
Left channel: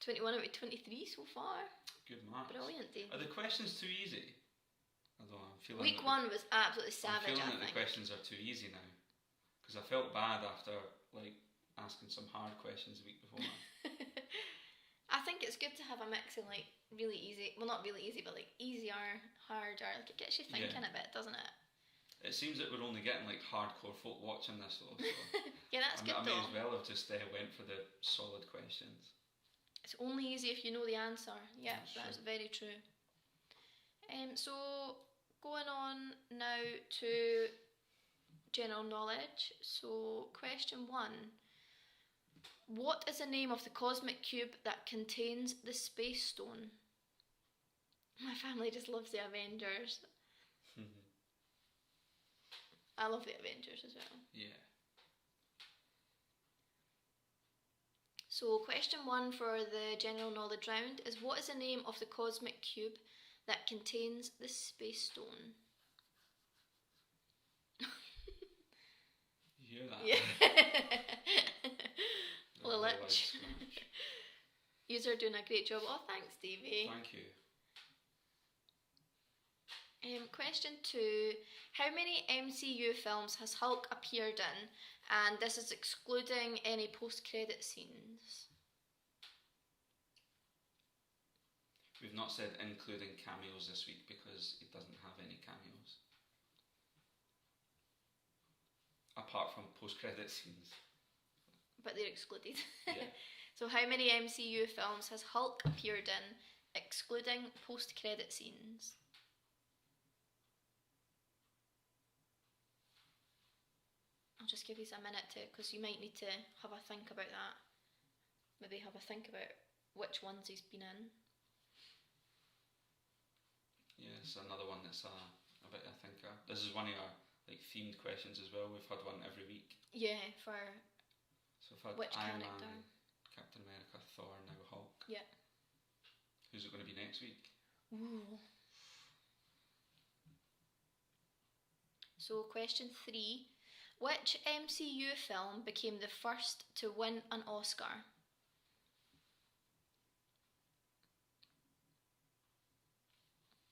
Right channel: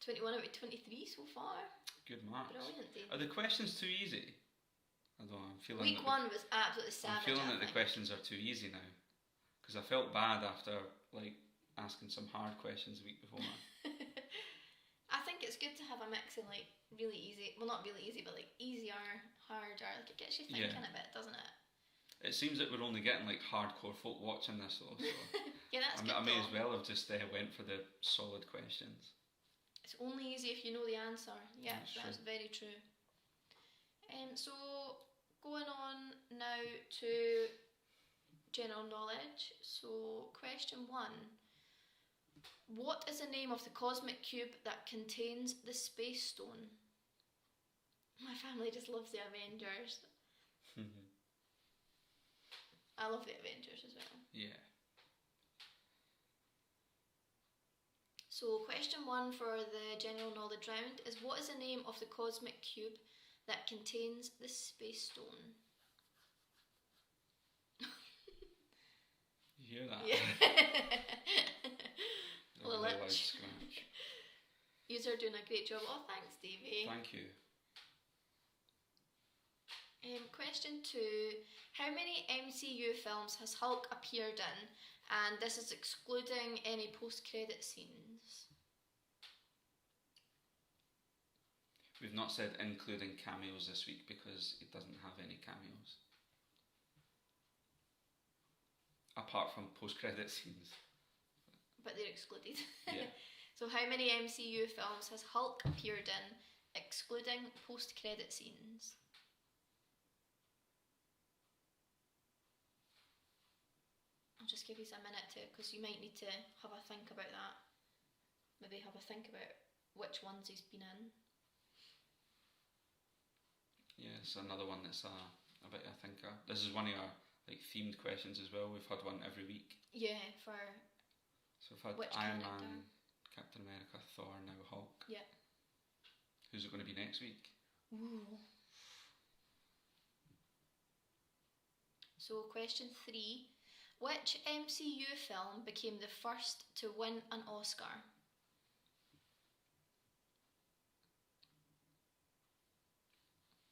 21 out of 23 so far. Good marks. Brilliant, Dave. Are the questions too easy? I don't know. I'm feeling Week 1 was absolutely savage. I'm feeling that the questions are too easy now. Because I felt bad after asking some hard questions the week before. I think it's good to have a mix of really easy, well not really easy, but easier, harder. It gets you thinking a bit, doesn't it? It seems that we're only getting hardcore folk watching this though. So yeah, that's good. I may as well have just went for the solid questions. It's only easy if you know the answer. Yeah, that's very true. So going on now to general knowledge. So question 1. What is the name of the cosmic cube that contains the Space Stone? My family just loves the Avengers. I love the Avengers as well. Yeah. So question 1 for the general knowledge round is, what is the name of the cosmic cube that contains the Space Stone? You hear that? Yeah. Well, You're doing a great job. Oh, thanks, Davey. Thank you. Question 2. How many MCU films has Hulk appeared in? And this is excluding any post-credit scenes. We've not said including cameos this week because it doesn't have any cameos. Apart from post-credit scenes. But they're excluded. Yeah. So how many MCU films has Hulk appeared in, excluding post-credit scenes? I'll just give you a minute because you might need to have a think about that. Maybe have a think about which ones he's been in. Yeah, it's another one that's a bit of a thinker. This is one of our themed questions as well. We've had one every week. Yeah, for so we've had which Iron character? Man, Captain America, Thor, now Hulk. Yeah. Who's it going to be next week? Ooh. So question 3. Which MCU film became the first to win an Oscar?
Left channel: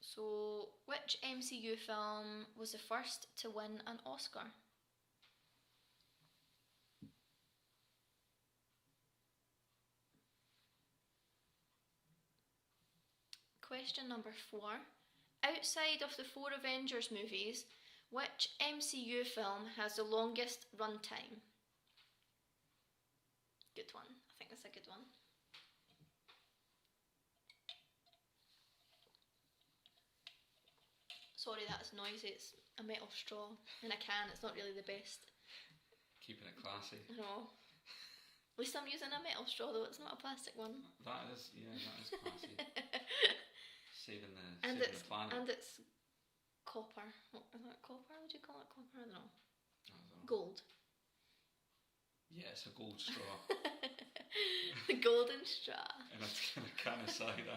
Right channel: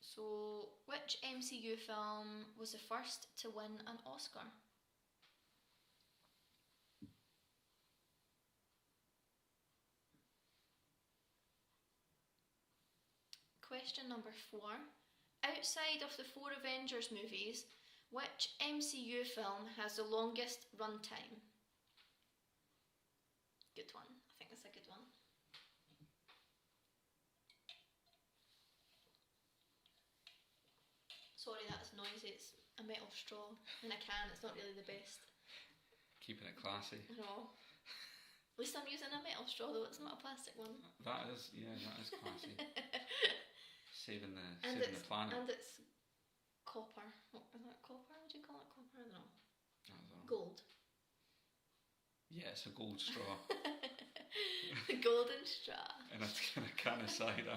So, which MCU film was the first to win an Oscar? Question number 4. Outside of the 4 Avengers movies, which MCU film has the longest runtime? Good one. I think that's a good one. Sorry, that's noisy. It's a metal straw in a can. It's not really the best. Keeping it classy. No. At least I'm using a metal straw though, it's not a plastic one. That is classy. saving the planet. And it's copper. What is that, copper? Would you call it copper? No. I don't know. Gold. Yeah, it's a gold straw. The golden straw. And a can of cider.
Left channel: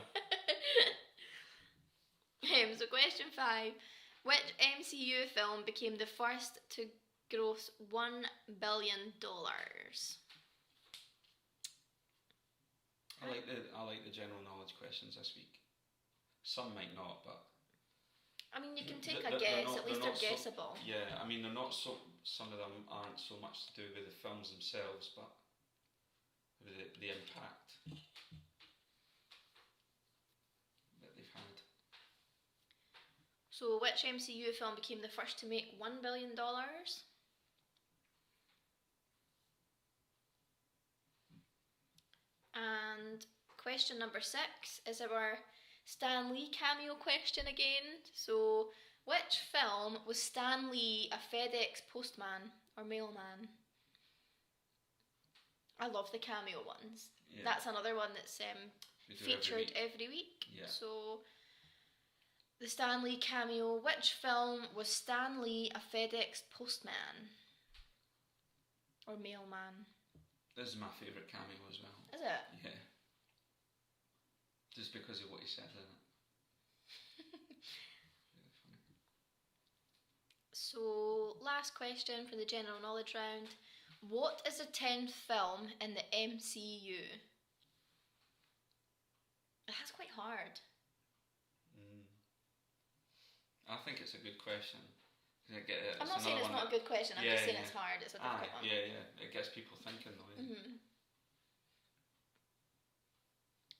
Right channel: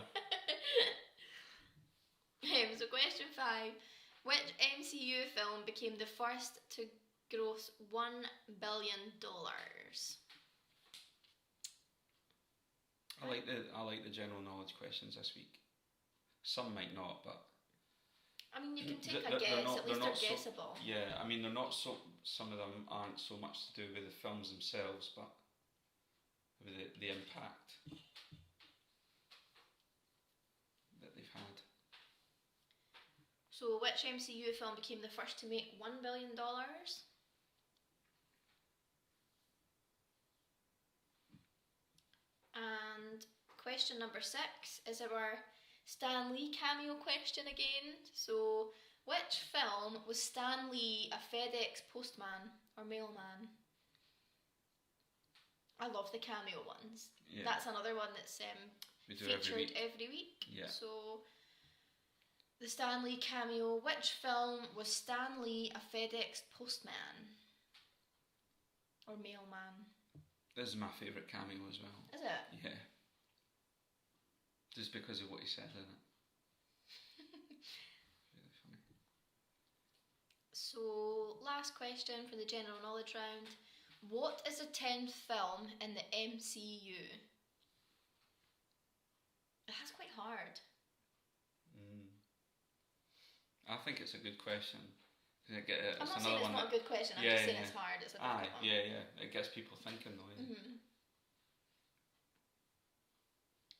So question 5. Which MCU film became the first to gross $1 billion? I like the general knowledge questions this week. Some might not, but I mean, you can take a guess. At least they're guessable. Yeah, I mean, they're not so. Some of them aren't so much to do with the films themselves, but with the impact that they've had. So, which MCU film became the first to make $1 billion? And question number 6 is our Stan Lee cameo question again. So, which film was Stan Lee a FedEx postman or mailman? I love the cameo ones. Yeah. That's another one that's featured every week. Yeah. So, the Stan Lee cameo. Which film was Stan Lee a FedEx postman or mailman? This is my favourite cameo as well. Is it? Yeah. Just because of what he said in it. Really funny. So, last question for the general knowledge round. What is the 10th film in the MCU? That's quite hard. I think it's a good question. I'm not saying it's not a good question, I'm just saying it's hard. It's a difficult one. Yeah. It gets people thinking though. Mm-hmm.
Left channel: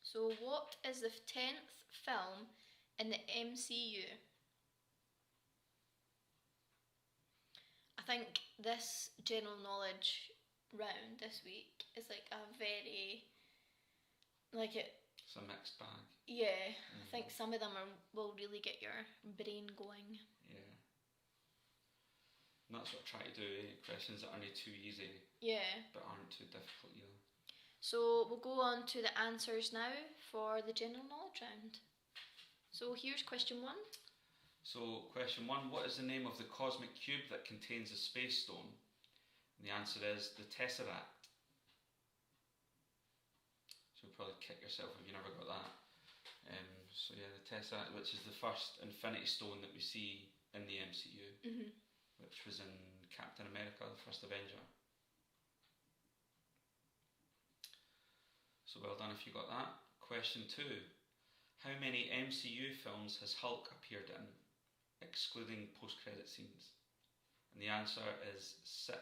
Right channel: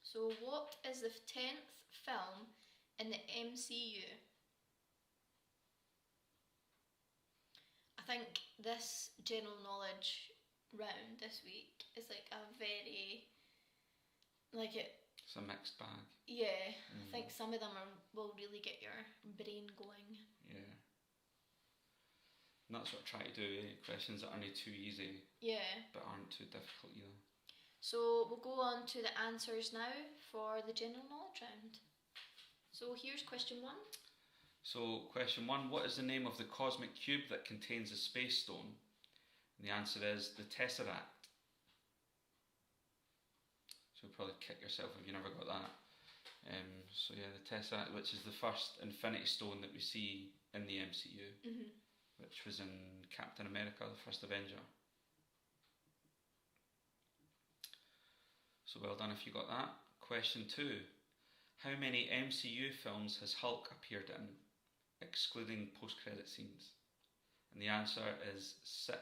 So, what is the 10th film in the MCU? I think this general knowledge round this week is like a very, it's a mixed bag. Yeah, I think some of them will really get your brain going. Yeah. And that's what I try to do, questions that aren't too easy. Yeah. But aren't too difficult either. So we'll go on to the answers now for the general knowledge round. So here's question 1. So question 1, what is the name of the cosmic cube that contains a space stone? And the answer is the Tesseract. So you'll probably kick yourself if you never got that. So yeah, the Tesseract, which is the first Infinity Stone that we see in the MCU, which was in Captain America, the first Avenger. So well done if you got that. Question 2, how many MCU films has Hulk appeared in, excluding post-credit scenes? And the answer is 6.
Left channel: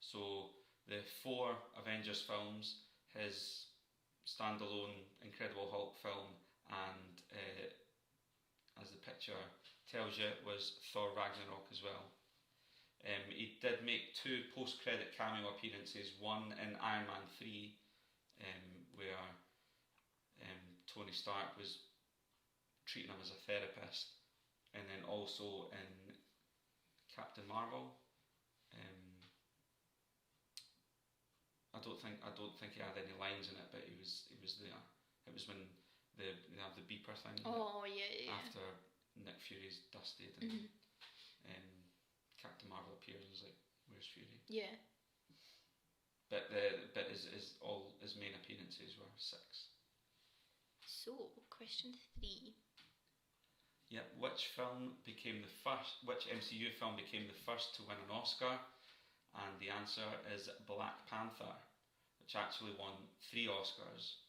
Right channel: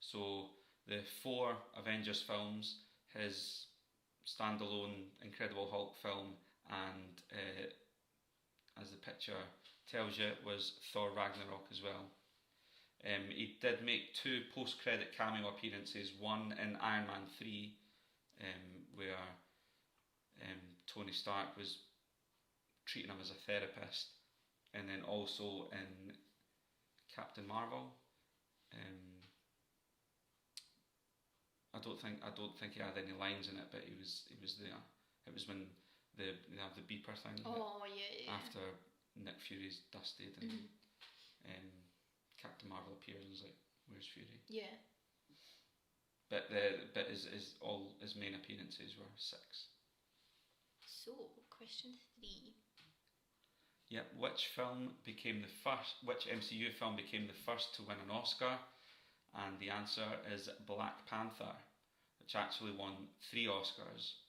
So the 4 Avengers films, his standalone Incredible Hulk film, and as the picture tells you, was Thor Ragnarok as well. He did make 2 post-credit cameo appearances, one in Iron Man 3, where Tony Stark was treating him as a therapist, and then also in Captain Marvel. I don't think he had any lines in it, but he was there. It was when they had the beeper thing. Oh yeah. After Nick Fury's dusted and Captain Marvel appears and is like, "Where's Fury?" Yeah. But all his main appearances were 6. So question 3. Yep. Which MCU film became the first to win an Oscar? And the answer is Black Panther, which actually won 3 Oscars.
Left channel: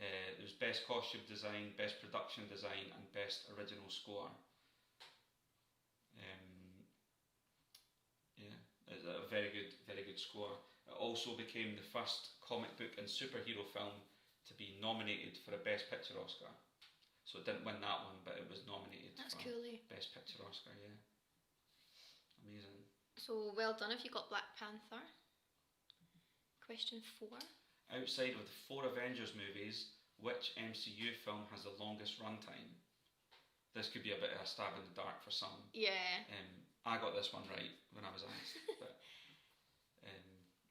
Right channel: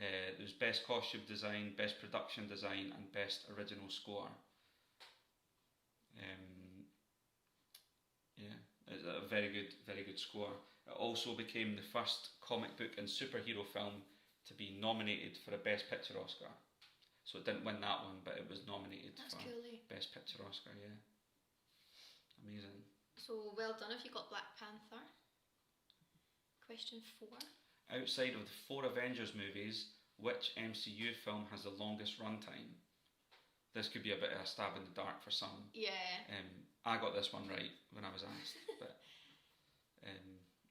There was Best Costume Design, Best Production Design, and Best Original Score. It's a very good score. It also became the first comic book and superhero film to be nominated for a Best Picture Oscar. So it didn't win that one, but it was nominated for Best Picture Oscar, yeah. Amazing. So well done if you got Black Panther. Question 4. Outside of the 4 Avengers movies, which MCU film has the longest runtime? This could be a bit of a stab in the dark for some. Yeah. I got this one right when I was asked, but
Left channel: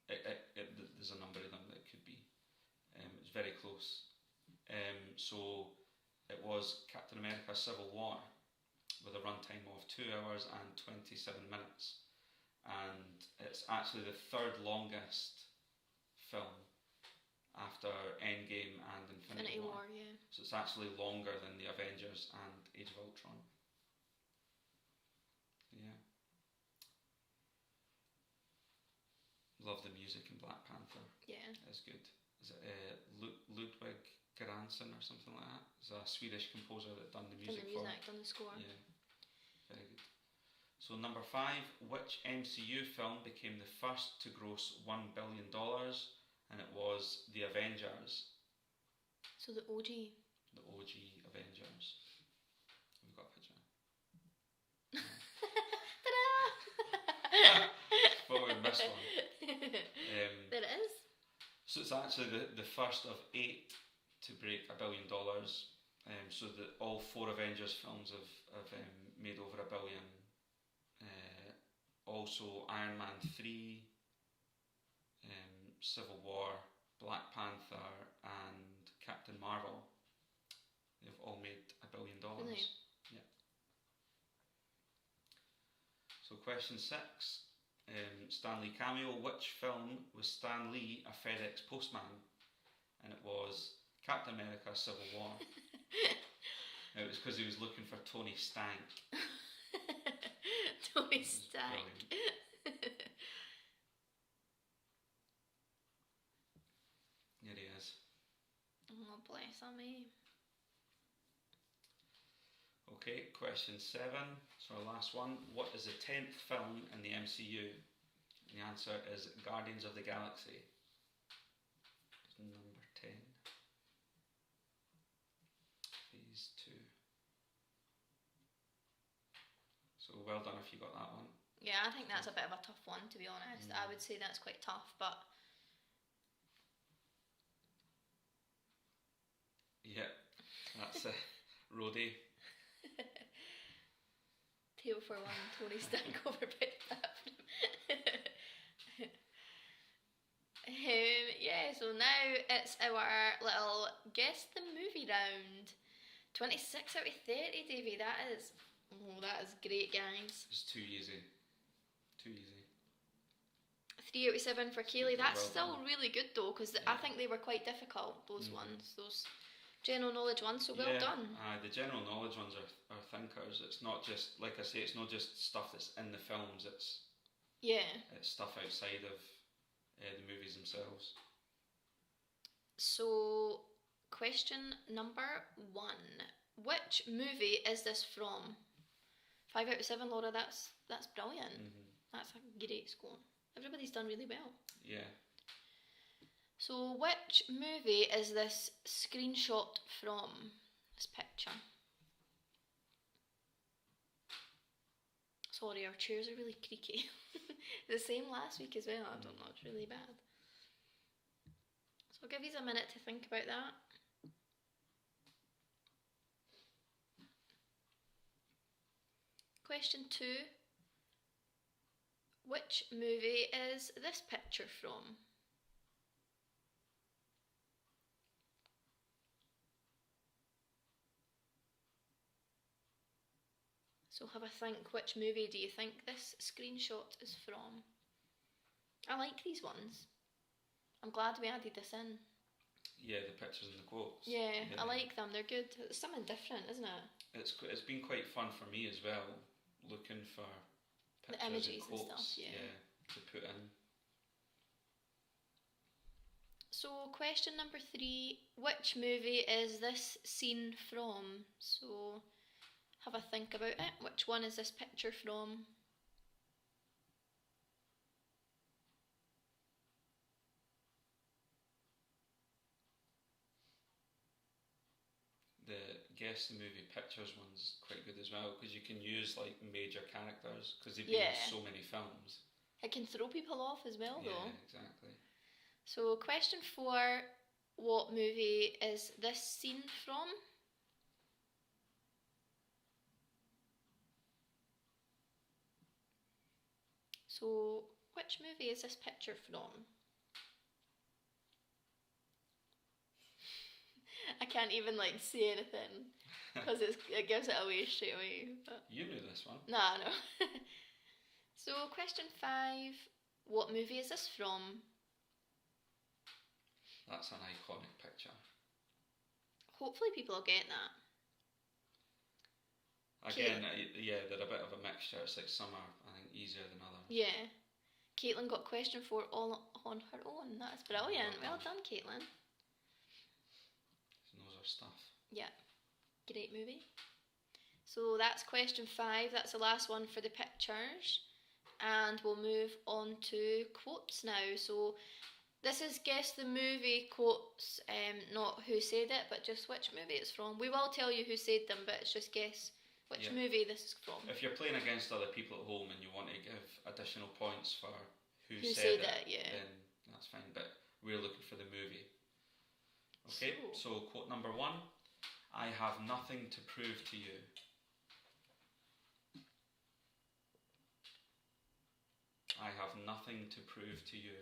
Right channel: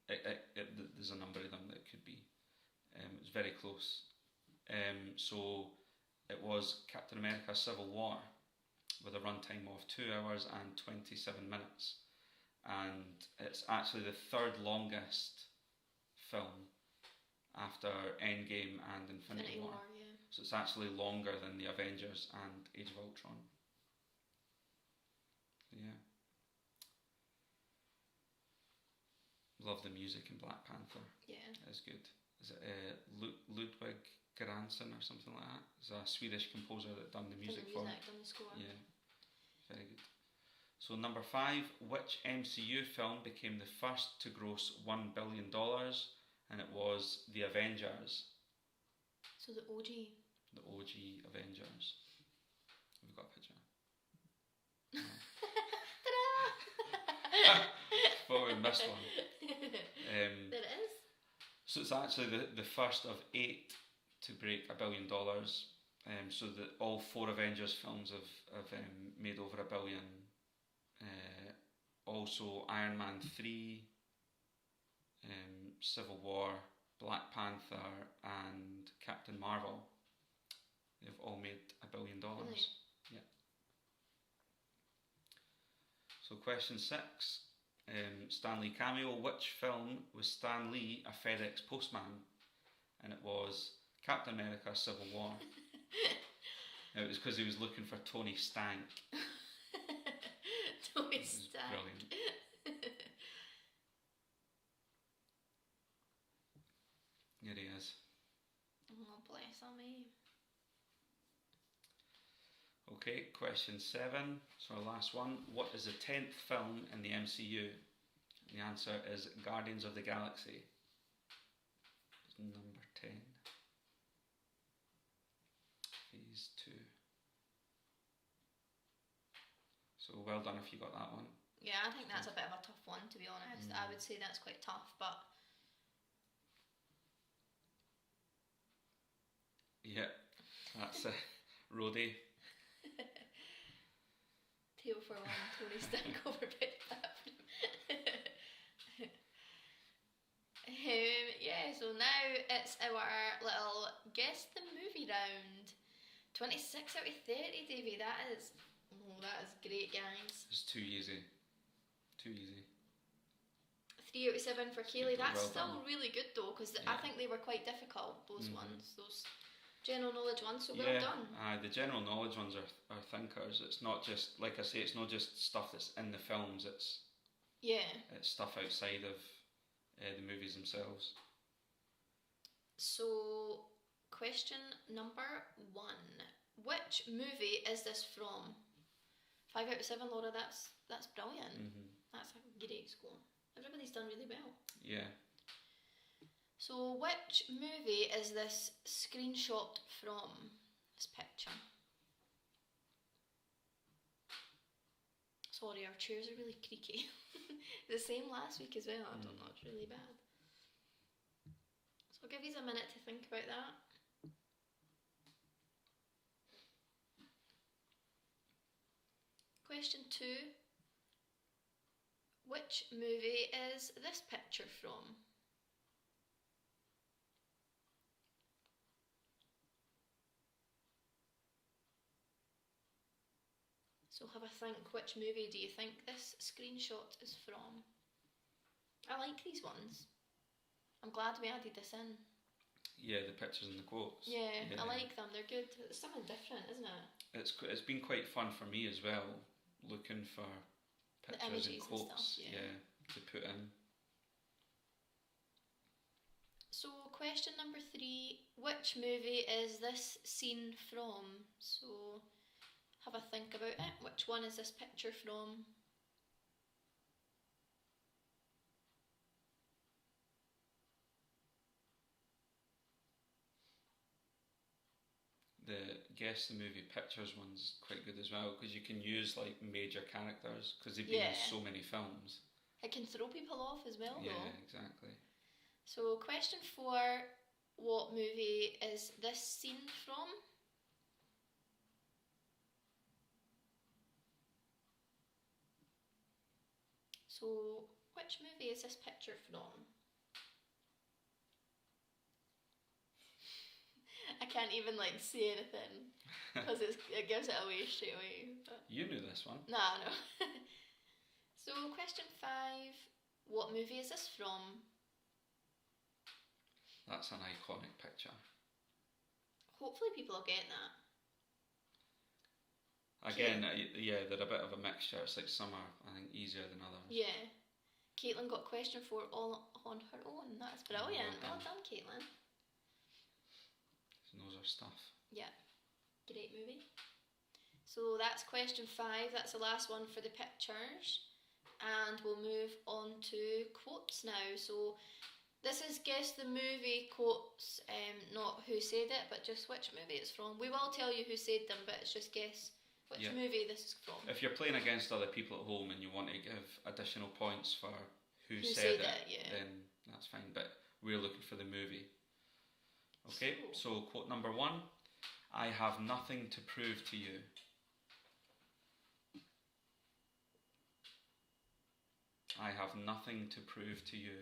There's a number of them that it could be. It's very close. So it was Captain America Civil War with a runtime of 2 hours and 27 minutes. And it's actually the third longest film after Endgame and Infinity War. Yeah. So it's actually longer than the Avengers and Age of Ultron. Yeah. Love the music in Black Panther. Yeah. It's good. Is it Ludwig Göransson or something like that? It's a Swedish composer that done the music for. Done the score. Yeah. Very good. So number 5, which MCU film became the first to gross $1 billion? And it was The Avengers. So the OG. The OG Avengers. We've got a picture. Ta-da! Thought we missed one. There it is. So it's actually the first of 8 to break $1 billion. So that all 4 Avengers films have made over $1 billion. Also Iron Man 3, Civil War, Black Panther and Captain Marvel. They've all made $1 billion. Really? Yeah. So question 6. Stan Lee cameo. Which film was Stan Lee a FedEx postman? And it was Captain America Civil War. It was because he was looking for Tony Stank. Tony Stank. Brilliant. Here he is. Oh, bless me. Okay, question 7. So our last one. What is the 10th film in the MCU? And the answer is Guardians of the Galaxy. It's number 10. Phase 2. So well done if you got that one. Yeah, I think that's a bit of a tough one, to be honest. I would say that's quite tough, but... Yeah, that's a roadie. Tail for one, Tony Stank over Big Bathroom. Yeah, so now it's our little guess the movie round. 26 out of 30, Davey. That is great, guys. It's too easy. Too easy. 3 out of 7 for Kaylee. That's Well still done. really good though, because I think they were quite difficult, those ones. Those general knowledge ones, so well done. The general knowledge ones are thinkers. It's not just, like I say, it's not just stuff that's in the films, it's stuff outside of the movies themselves. So, question number 1. Which movie is this from? 5 out of 7, Laura, that's brilliant. That's a great score. Everybody's done really well. Yeah. So, which movie is this screenshot from? This picture. Sorry, our chairs are really creaky. The same last week as well. I don't know, it's really bad. So I'll give you a minute to think about that. Question 2. Which movie is this picture from? So have a think, which movie do you think this screenshot is from? I like these ones. I'm glad we added this in. Yeah, the pictures and the quotes. Yeah, I like them, they're good. It's something different, isn't it? It's been quite fun for me as well, looking for The pictures images and quotes and stuff, yeah. to put in. So question number 3, which movie is this scene from? So have a think about it. Which one is this picture from? The guess the movie pictures one's quite good as well, because you can use like major characters because they've been in so many films. It can throw people off as well though. Yeah, exactly. So question 4, what movie is this scene from? So which movie is this picture from? can't even like say anything because it gives it away straight away. But... You knew this one. Nah, no. So, question 5. What movie is this from? That's an iconic picture. Hopefully people will get that. Again, yeah, they're a bit of a mixture. It's like some are, I think, easier than others. Yeah. Caitlin got question 4 all on her own. That's brilliant. Well done, Caitlin. She knows her stuff. Yeah. Great movie. So that's question 5. That's the last one for the pictures. And we'll move on to quotes now. So this is guess the movie quotes, not who said it, but just which movie it's from. We will tell you who said them, but it's just guess which movie this is from. If you're playing against other people at home and you want to give additional points for who said it, then that's fine. But we're looking for the movie. Okay, so quote number 1. I have nothing to prove to you. I have nothing to prove to you.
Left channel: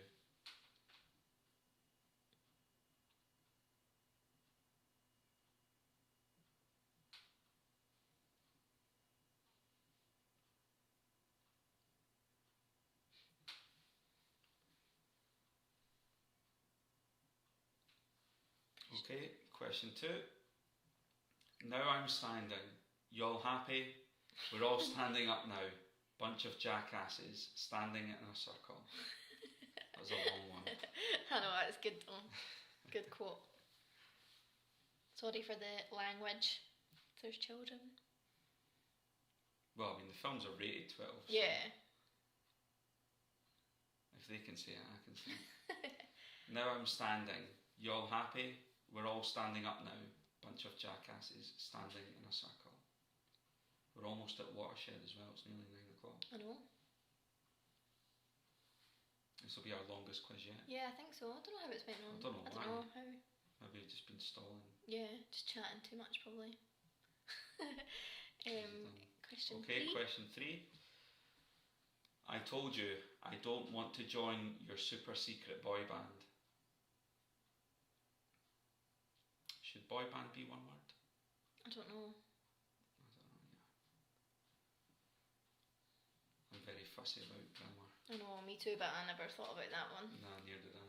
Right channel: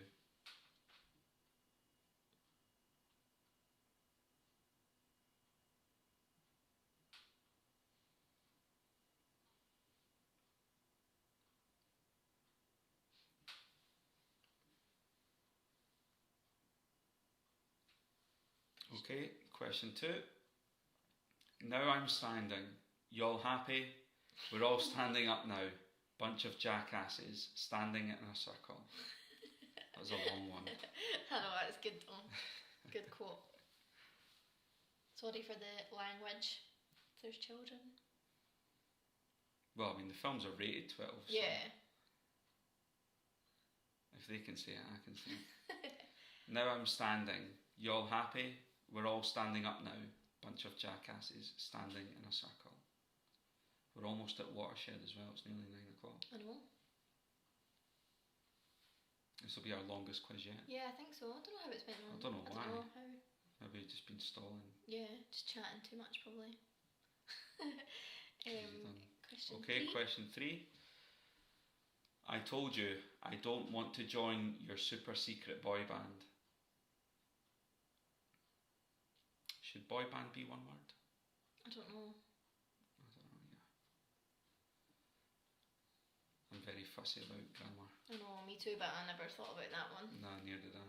Okay, question 2. Now I'm standing. Y'all happy? We're all standing up now. Bunch of jackasses standing in a circle. That was a long one. I know, that's good though. Good quote. Sorry for the language. There's children. Well, I mean, the films are rated 12. Yeah. So if they can say it, I can say it. Now I'm standing. Y'all happy? We're all standing up now. Bunch of jackasses standing in a circle. We're almost at Watershed as well. It's nearly 9 o'clock. I know. This will be our longest quiz yet. Yeah, I think so. I don't know how it's been on. I don't know why. Know how. Maybe we've just been stalling. Yeah, just chatting too much probably. Question 3. Question 3. I told you I don't want to join your super secret boy band. Should boy band be one word? I don't know. I'm very fussy about grammar. I know, me too, but I never thought about that one. Nah, neither did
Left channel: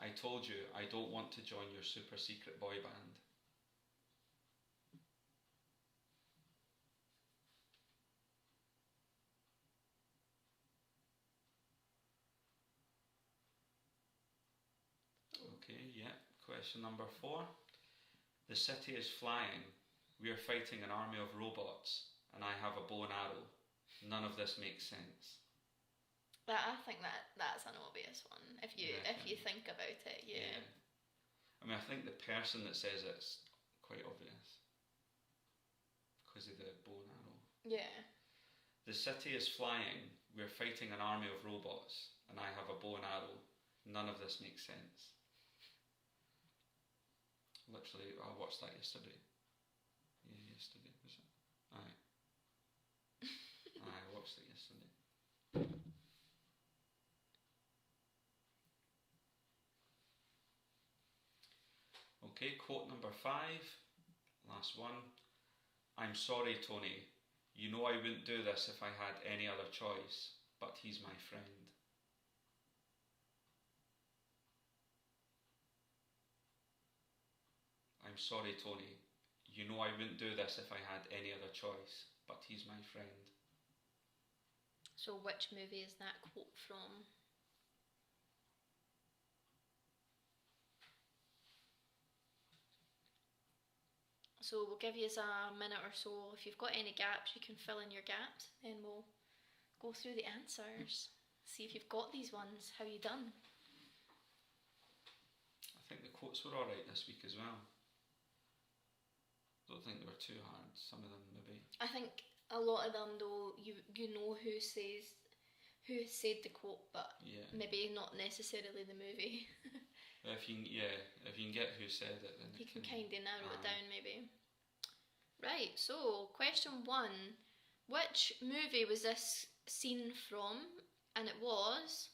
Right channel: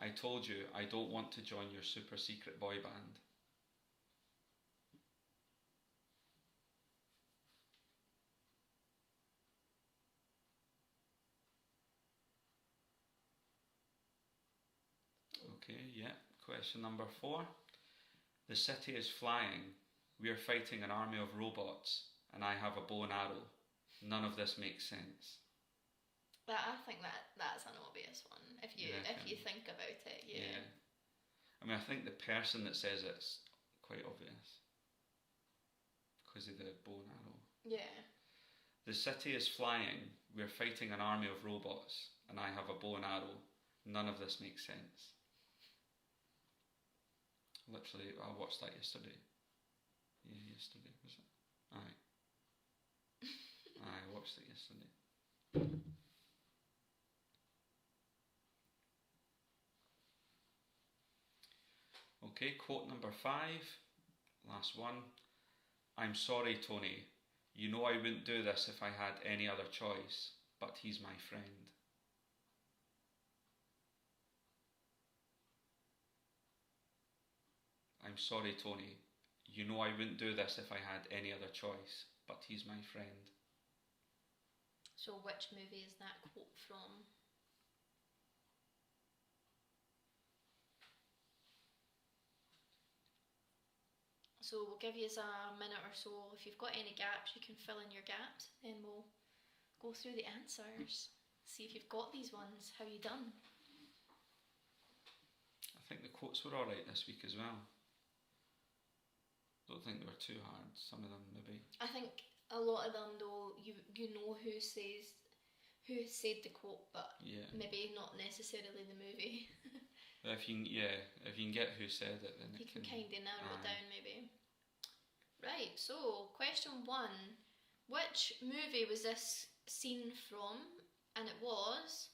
I. I told you I don't want to join your super secret boy band. Okay, yeah. Question number 4. The city is flying. We are fighting an army of robots, and I have a bow and arrow. None of this makes sense. I think that's an obvious one. If you think about it, yeah. I mean, I think the person that says it's quite obvious because of the bow and arrow. Yeah. The city is flying. We are fighting an army of robots, and I have a bow and arrow. None of this makes sense. Literally, I watched that yesterday. Yeah, yesterday, was it? Aye. I watched it yesterday. Okay, quote number 5. Last one. I'm sorry, Tony. You know I wouldn't do this if I had any other choice, but he's my friend. I'm sorry, Tony. You know I wouldn't do this if I had any other choice, but he's my friend. So which movie is that quote from? So we'll give you a minute or so. If you've got any gaps, you can fill in your gaps. Then we'll go through the answers. See if you've got these ones. How you done? I think the quotes were alright this week as well. Don't think they were too hard. Some of them maybe. I think a lot of them though, you know who said the quote, but maybe not necessarily the movie. If you can get who said it, then you can kind of narrow it down maybe. Right, so question 1. Which movie was this scene from? And it was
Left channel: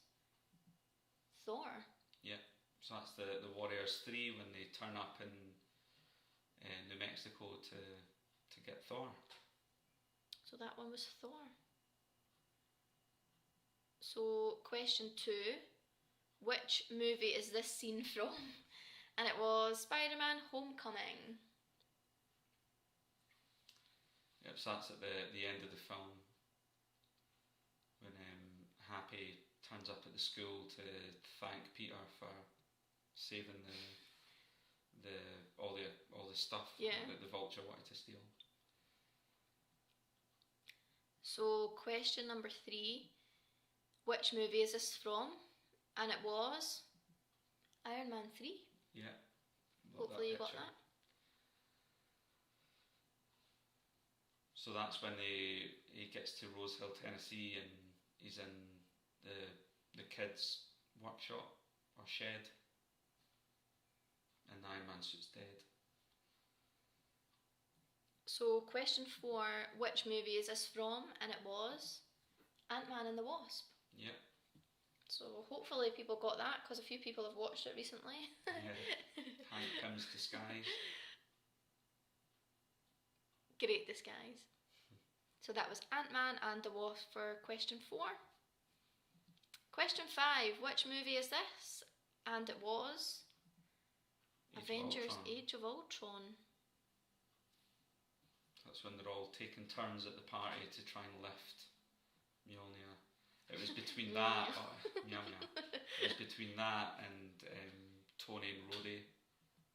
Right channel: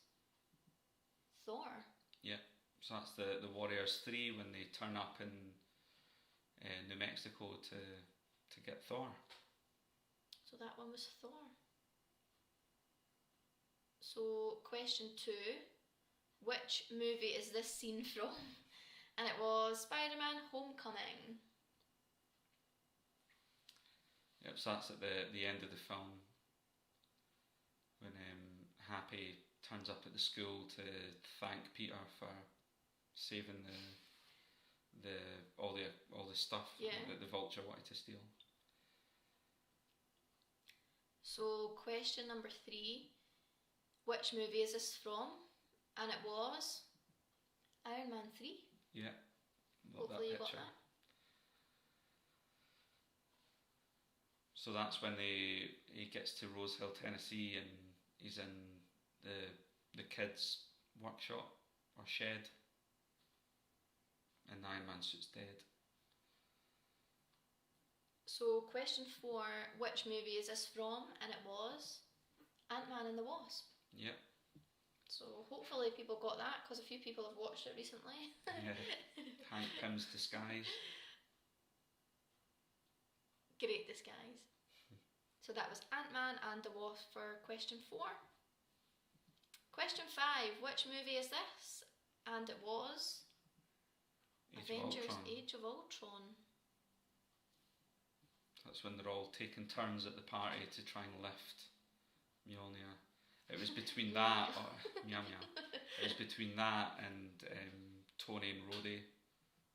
Thor. Yeah, 100%. So that's the Warriors 3 when they turn up in New Mexico to get Thor. So that one was Thor. So question 2, which movie is this scene from? And it was Spider-Man Homecoming. Yep, so that's at the end of the film when Happy turns up at the school to thank Peter for saving all the stuff that the Vulture wanted to steal. So question number 3, which movie is this from? And it was Iron Man 3. Yeah. Hopefully you got that. So that's when he gets to Rose Hill, Tennessee, and he's in the kids' workshop or shed, and the Iron Man suit's dead. So question 4, which movie is this from? And it was Ant-Man and the Wasp. Yep. So hopefully people got that, because a few people have watched it recently. Yeah. Hank Pym's disguise. Great disguise. So that was Ant-Man and the Wasp for question 4. Question 5, which movie is this? And it was Avengers Age of Ultron. That's when they're all taking turns at the party to try and lift Mjolnir. It was between that, it was between that and Tony and Rhodey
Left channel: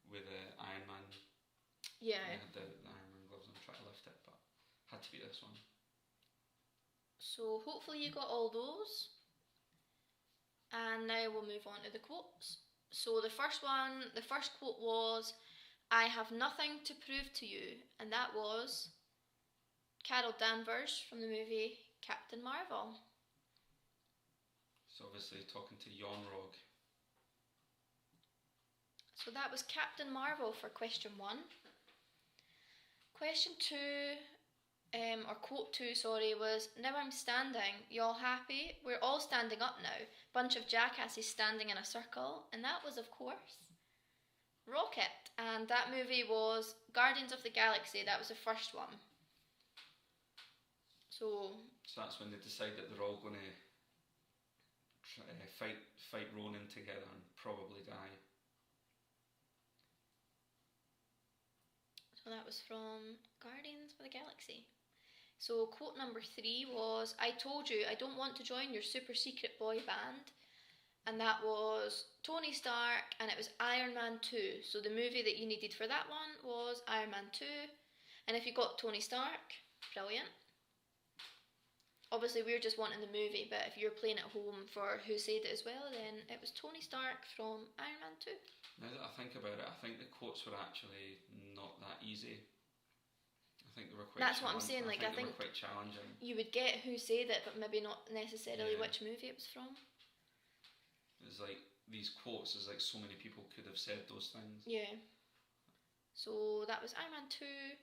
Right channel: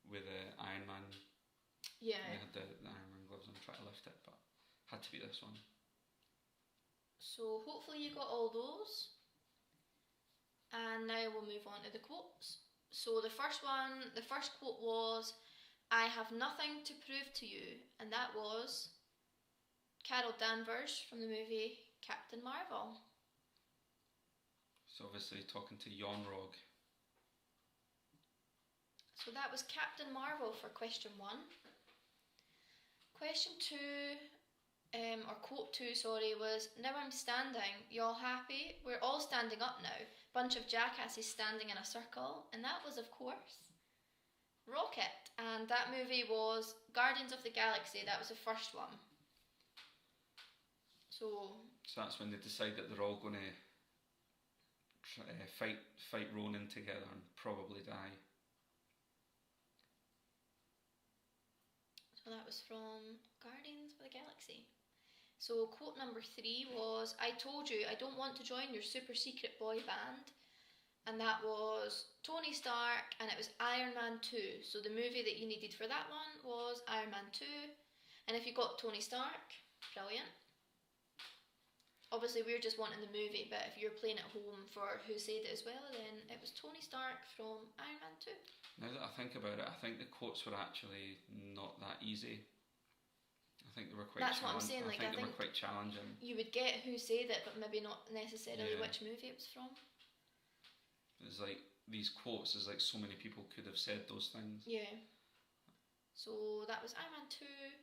with Iron Man. Yeah. They had the Iron Man gloves on trying to lift it, but had to be this one. So hopefully you got all those. And now we'll move on to the quotes. So the first quote was, "I have nothing to prove to you," and that was Carol Danvers from the movie Captain Marvel. So obviously talking to Yon-Rogg. So that was Captain Marvel for question 1. Question 2, or quote 2, sorry, was, "Now I'm standing, you all happy? We're all standing up now. Bunch of jackasses standing in a circle." And that was, of course, Rocket. And that movie was Guardians of the Galaxy. That was the first one. So that's when they decide that they're all going to fight Ronan together and probably die. So that was from Guardians of the Galaxy. So quote number 3 was, "I told you I don't want to join your super secret boy band." And that was Tony Stark, and it was Iron Man 2. So the movie that you needed for that one was Iron Man 2. And if you got Tony Stark, brilliant. Obviously we're just wanting the movie, but if you're playing at home for Who Said It as well, then it was Tony Stark from Iron Man 2. Now that I think about it, I think the quotes were actually not that easy. I think they were quite That's what I'm saying, like, I they think were quite challenging. You would get Who Said It, but maybe not necessarily which movie it was from. It's like these quotes, there's like so many people could have said those things. Yeah. So that was Iron Man 2.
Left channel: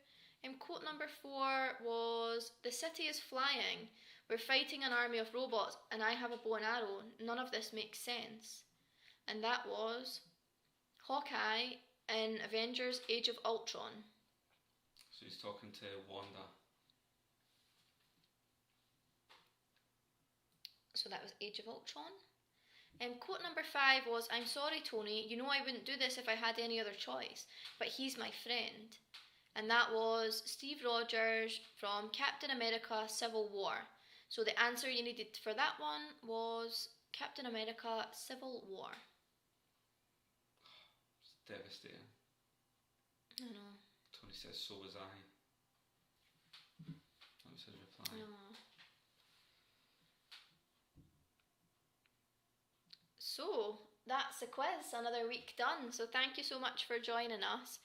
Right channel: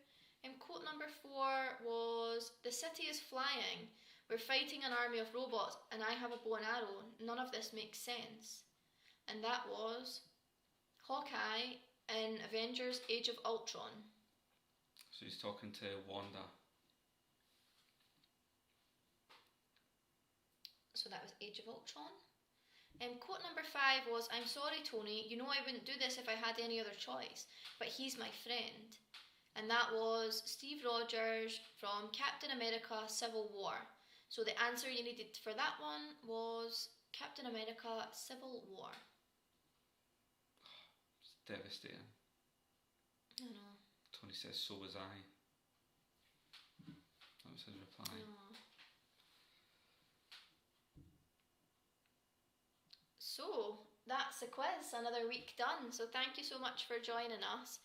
And quote number 4 was, "The city is flying. We're fighting an army of robots and I have a bow and arrow. None of this makes sense." And that was Hawkeye in Avengers Age of Ultron. So he's talking to Wanda. So that was Age of Ultron. And quote number 5 was, "I'm sorry, Tony, you know I wouldn't do this if I had any other choice, but he's my friend." And that was Steve Rogers from Captain America Civil War. So the answer you needed for that one was Captain America Civil War. It's devastating. I know. Tony says, "So was I." That was his reply. I know. So that's the quiz, another week done. So thank you so much for joining us.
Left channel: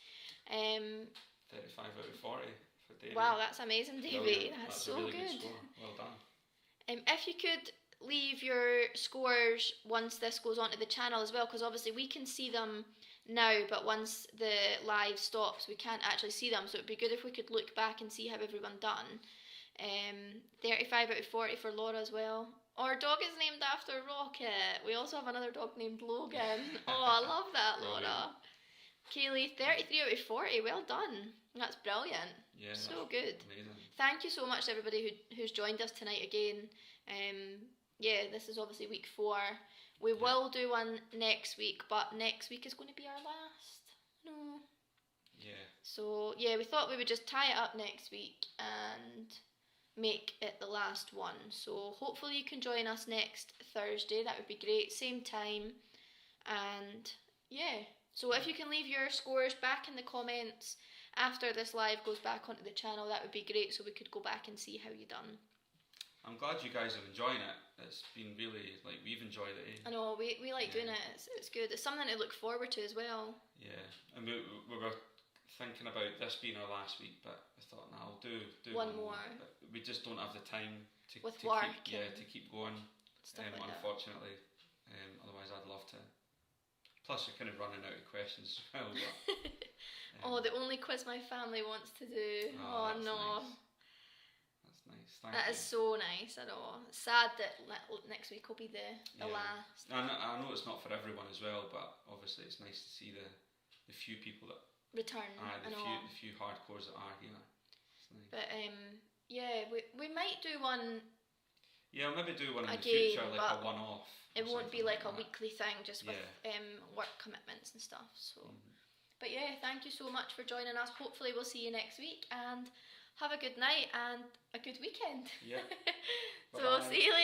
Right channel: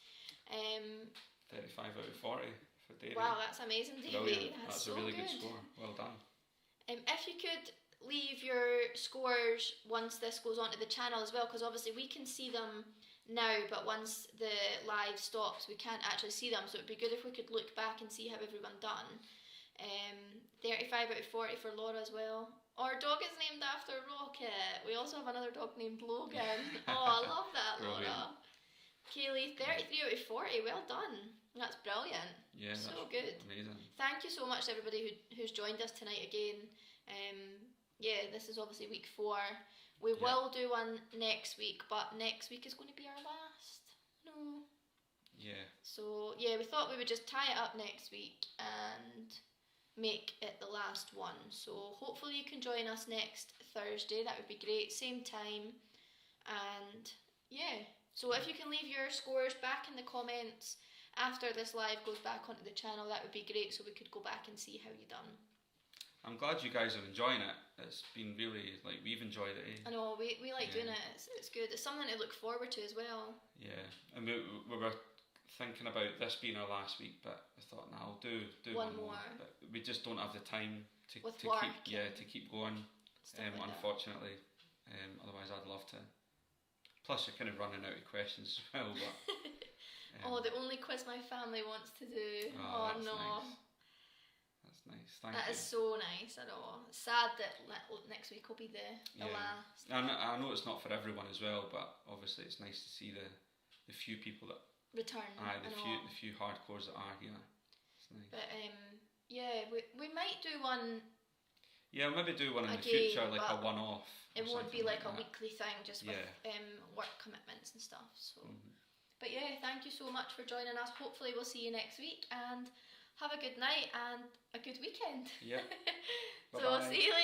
35 out of 40 for Davey. Wow, that's amazing, Davey. Brilliant. That's a so really good score. Well done. If you could leave your scores once this goes onto the channel as well, because obviously we can see them now, but once the live stops we can't actually see them, so it'd be good if we could look back and see how everyone done. 35 out of 40 for Laura as well. Our dog is named after Rocket. We also have another dog named Logan. Oh, I love that, Laura. Kaylee, 33 out of 40. Well done. That's brilliant. Yeah, so good. Amazing. Thank you so much to everybody who's joined us tonight again. Yeah, this is obviously week 4. We will do one next week, but next week is going to be our last. No. Yeah. So, yeah, we thought we would just tie it up next week and make it the last one. So, hopefully you can join us next Thursday. That would be great. Same time. And, yeah. So, if you can leave your scores back in the comments after this live goes back onto the channel, that would be great, so we could go back and see how you done. I'm glad you guys are enjoying it. It's been really, like, we've enjoyed it. Eh? I know, we like doing it. It's good. It's something to look forward to as well. Yeah, and we were thinking about this being our last week, but I thought, I'll do one more. We just don't have the time to keep going. Unfortunately, otherwise I'd love to. Plus, you're kind of running out of questions as well. But the only quiz my family wants to do. Oh no. Nice. That's nice. Thank you. That is so nice. I know. It's sad that next week will be the last. I know it's not for everyone as well, but obviously it's nice to see the few people that return. The few hardcores that are here. It's nice. But we might do one. Yeah, maybe do one in the future, like a one-off. It won't be like a weekly thing, just with work commitments and stuff. So, but yeah, thank you so much for joining us. Hopefully, we'll see you next week, and have a good night and a good weekend. Yeah. So, see you later.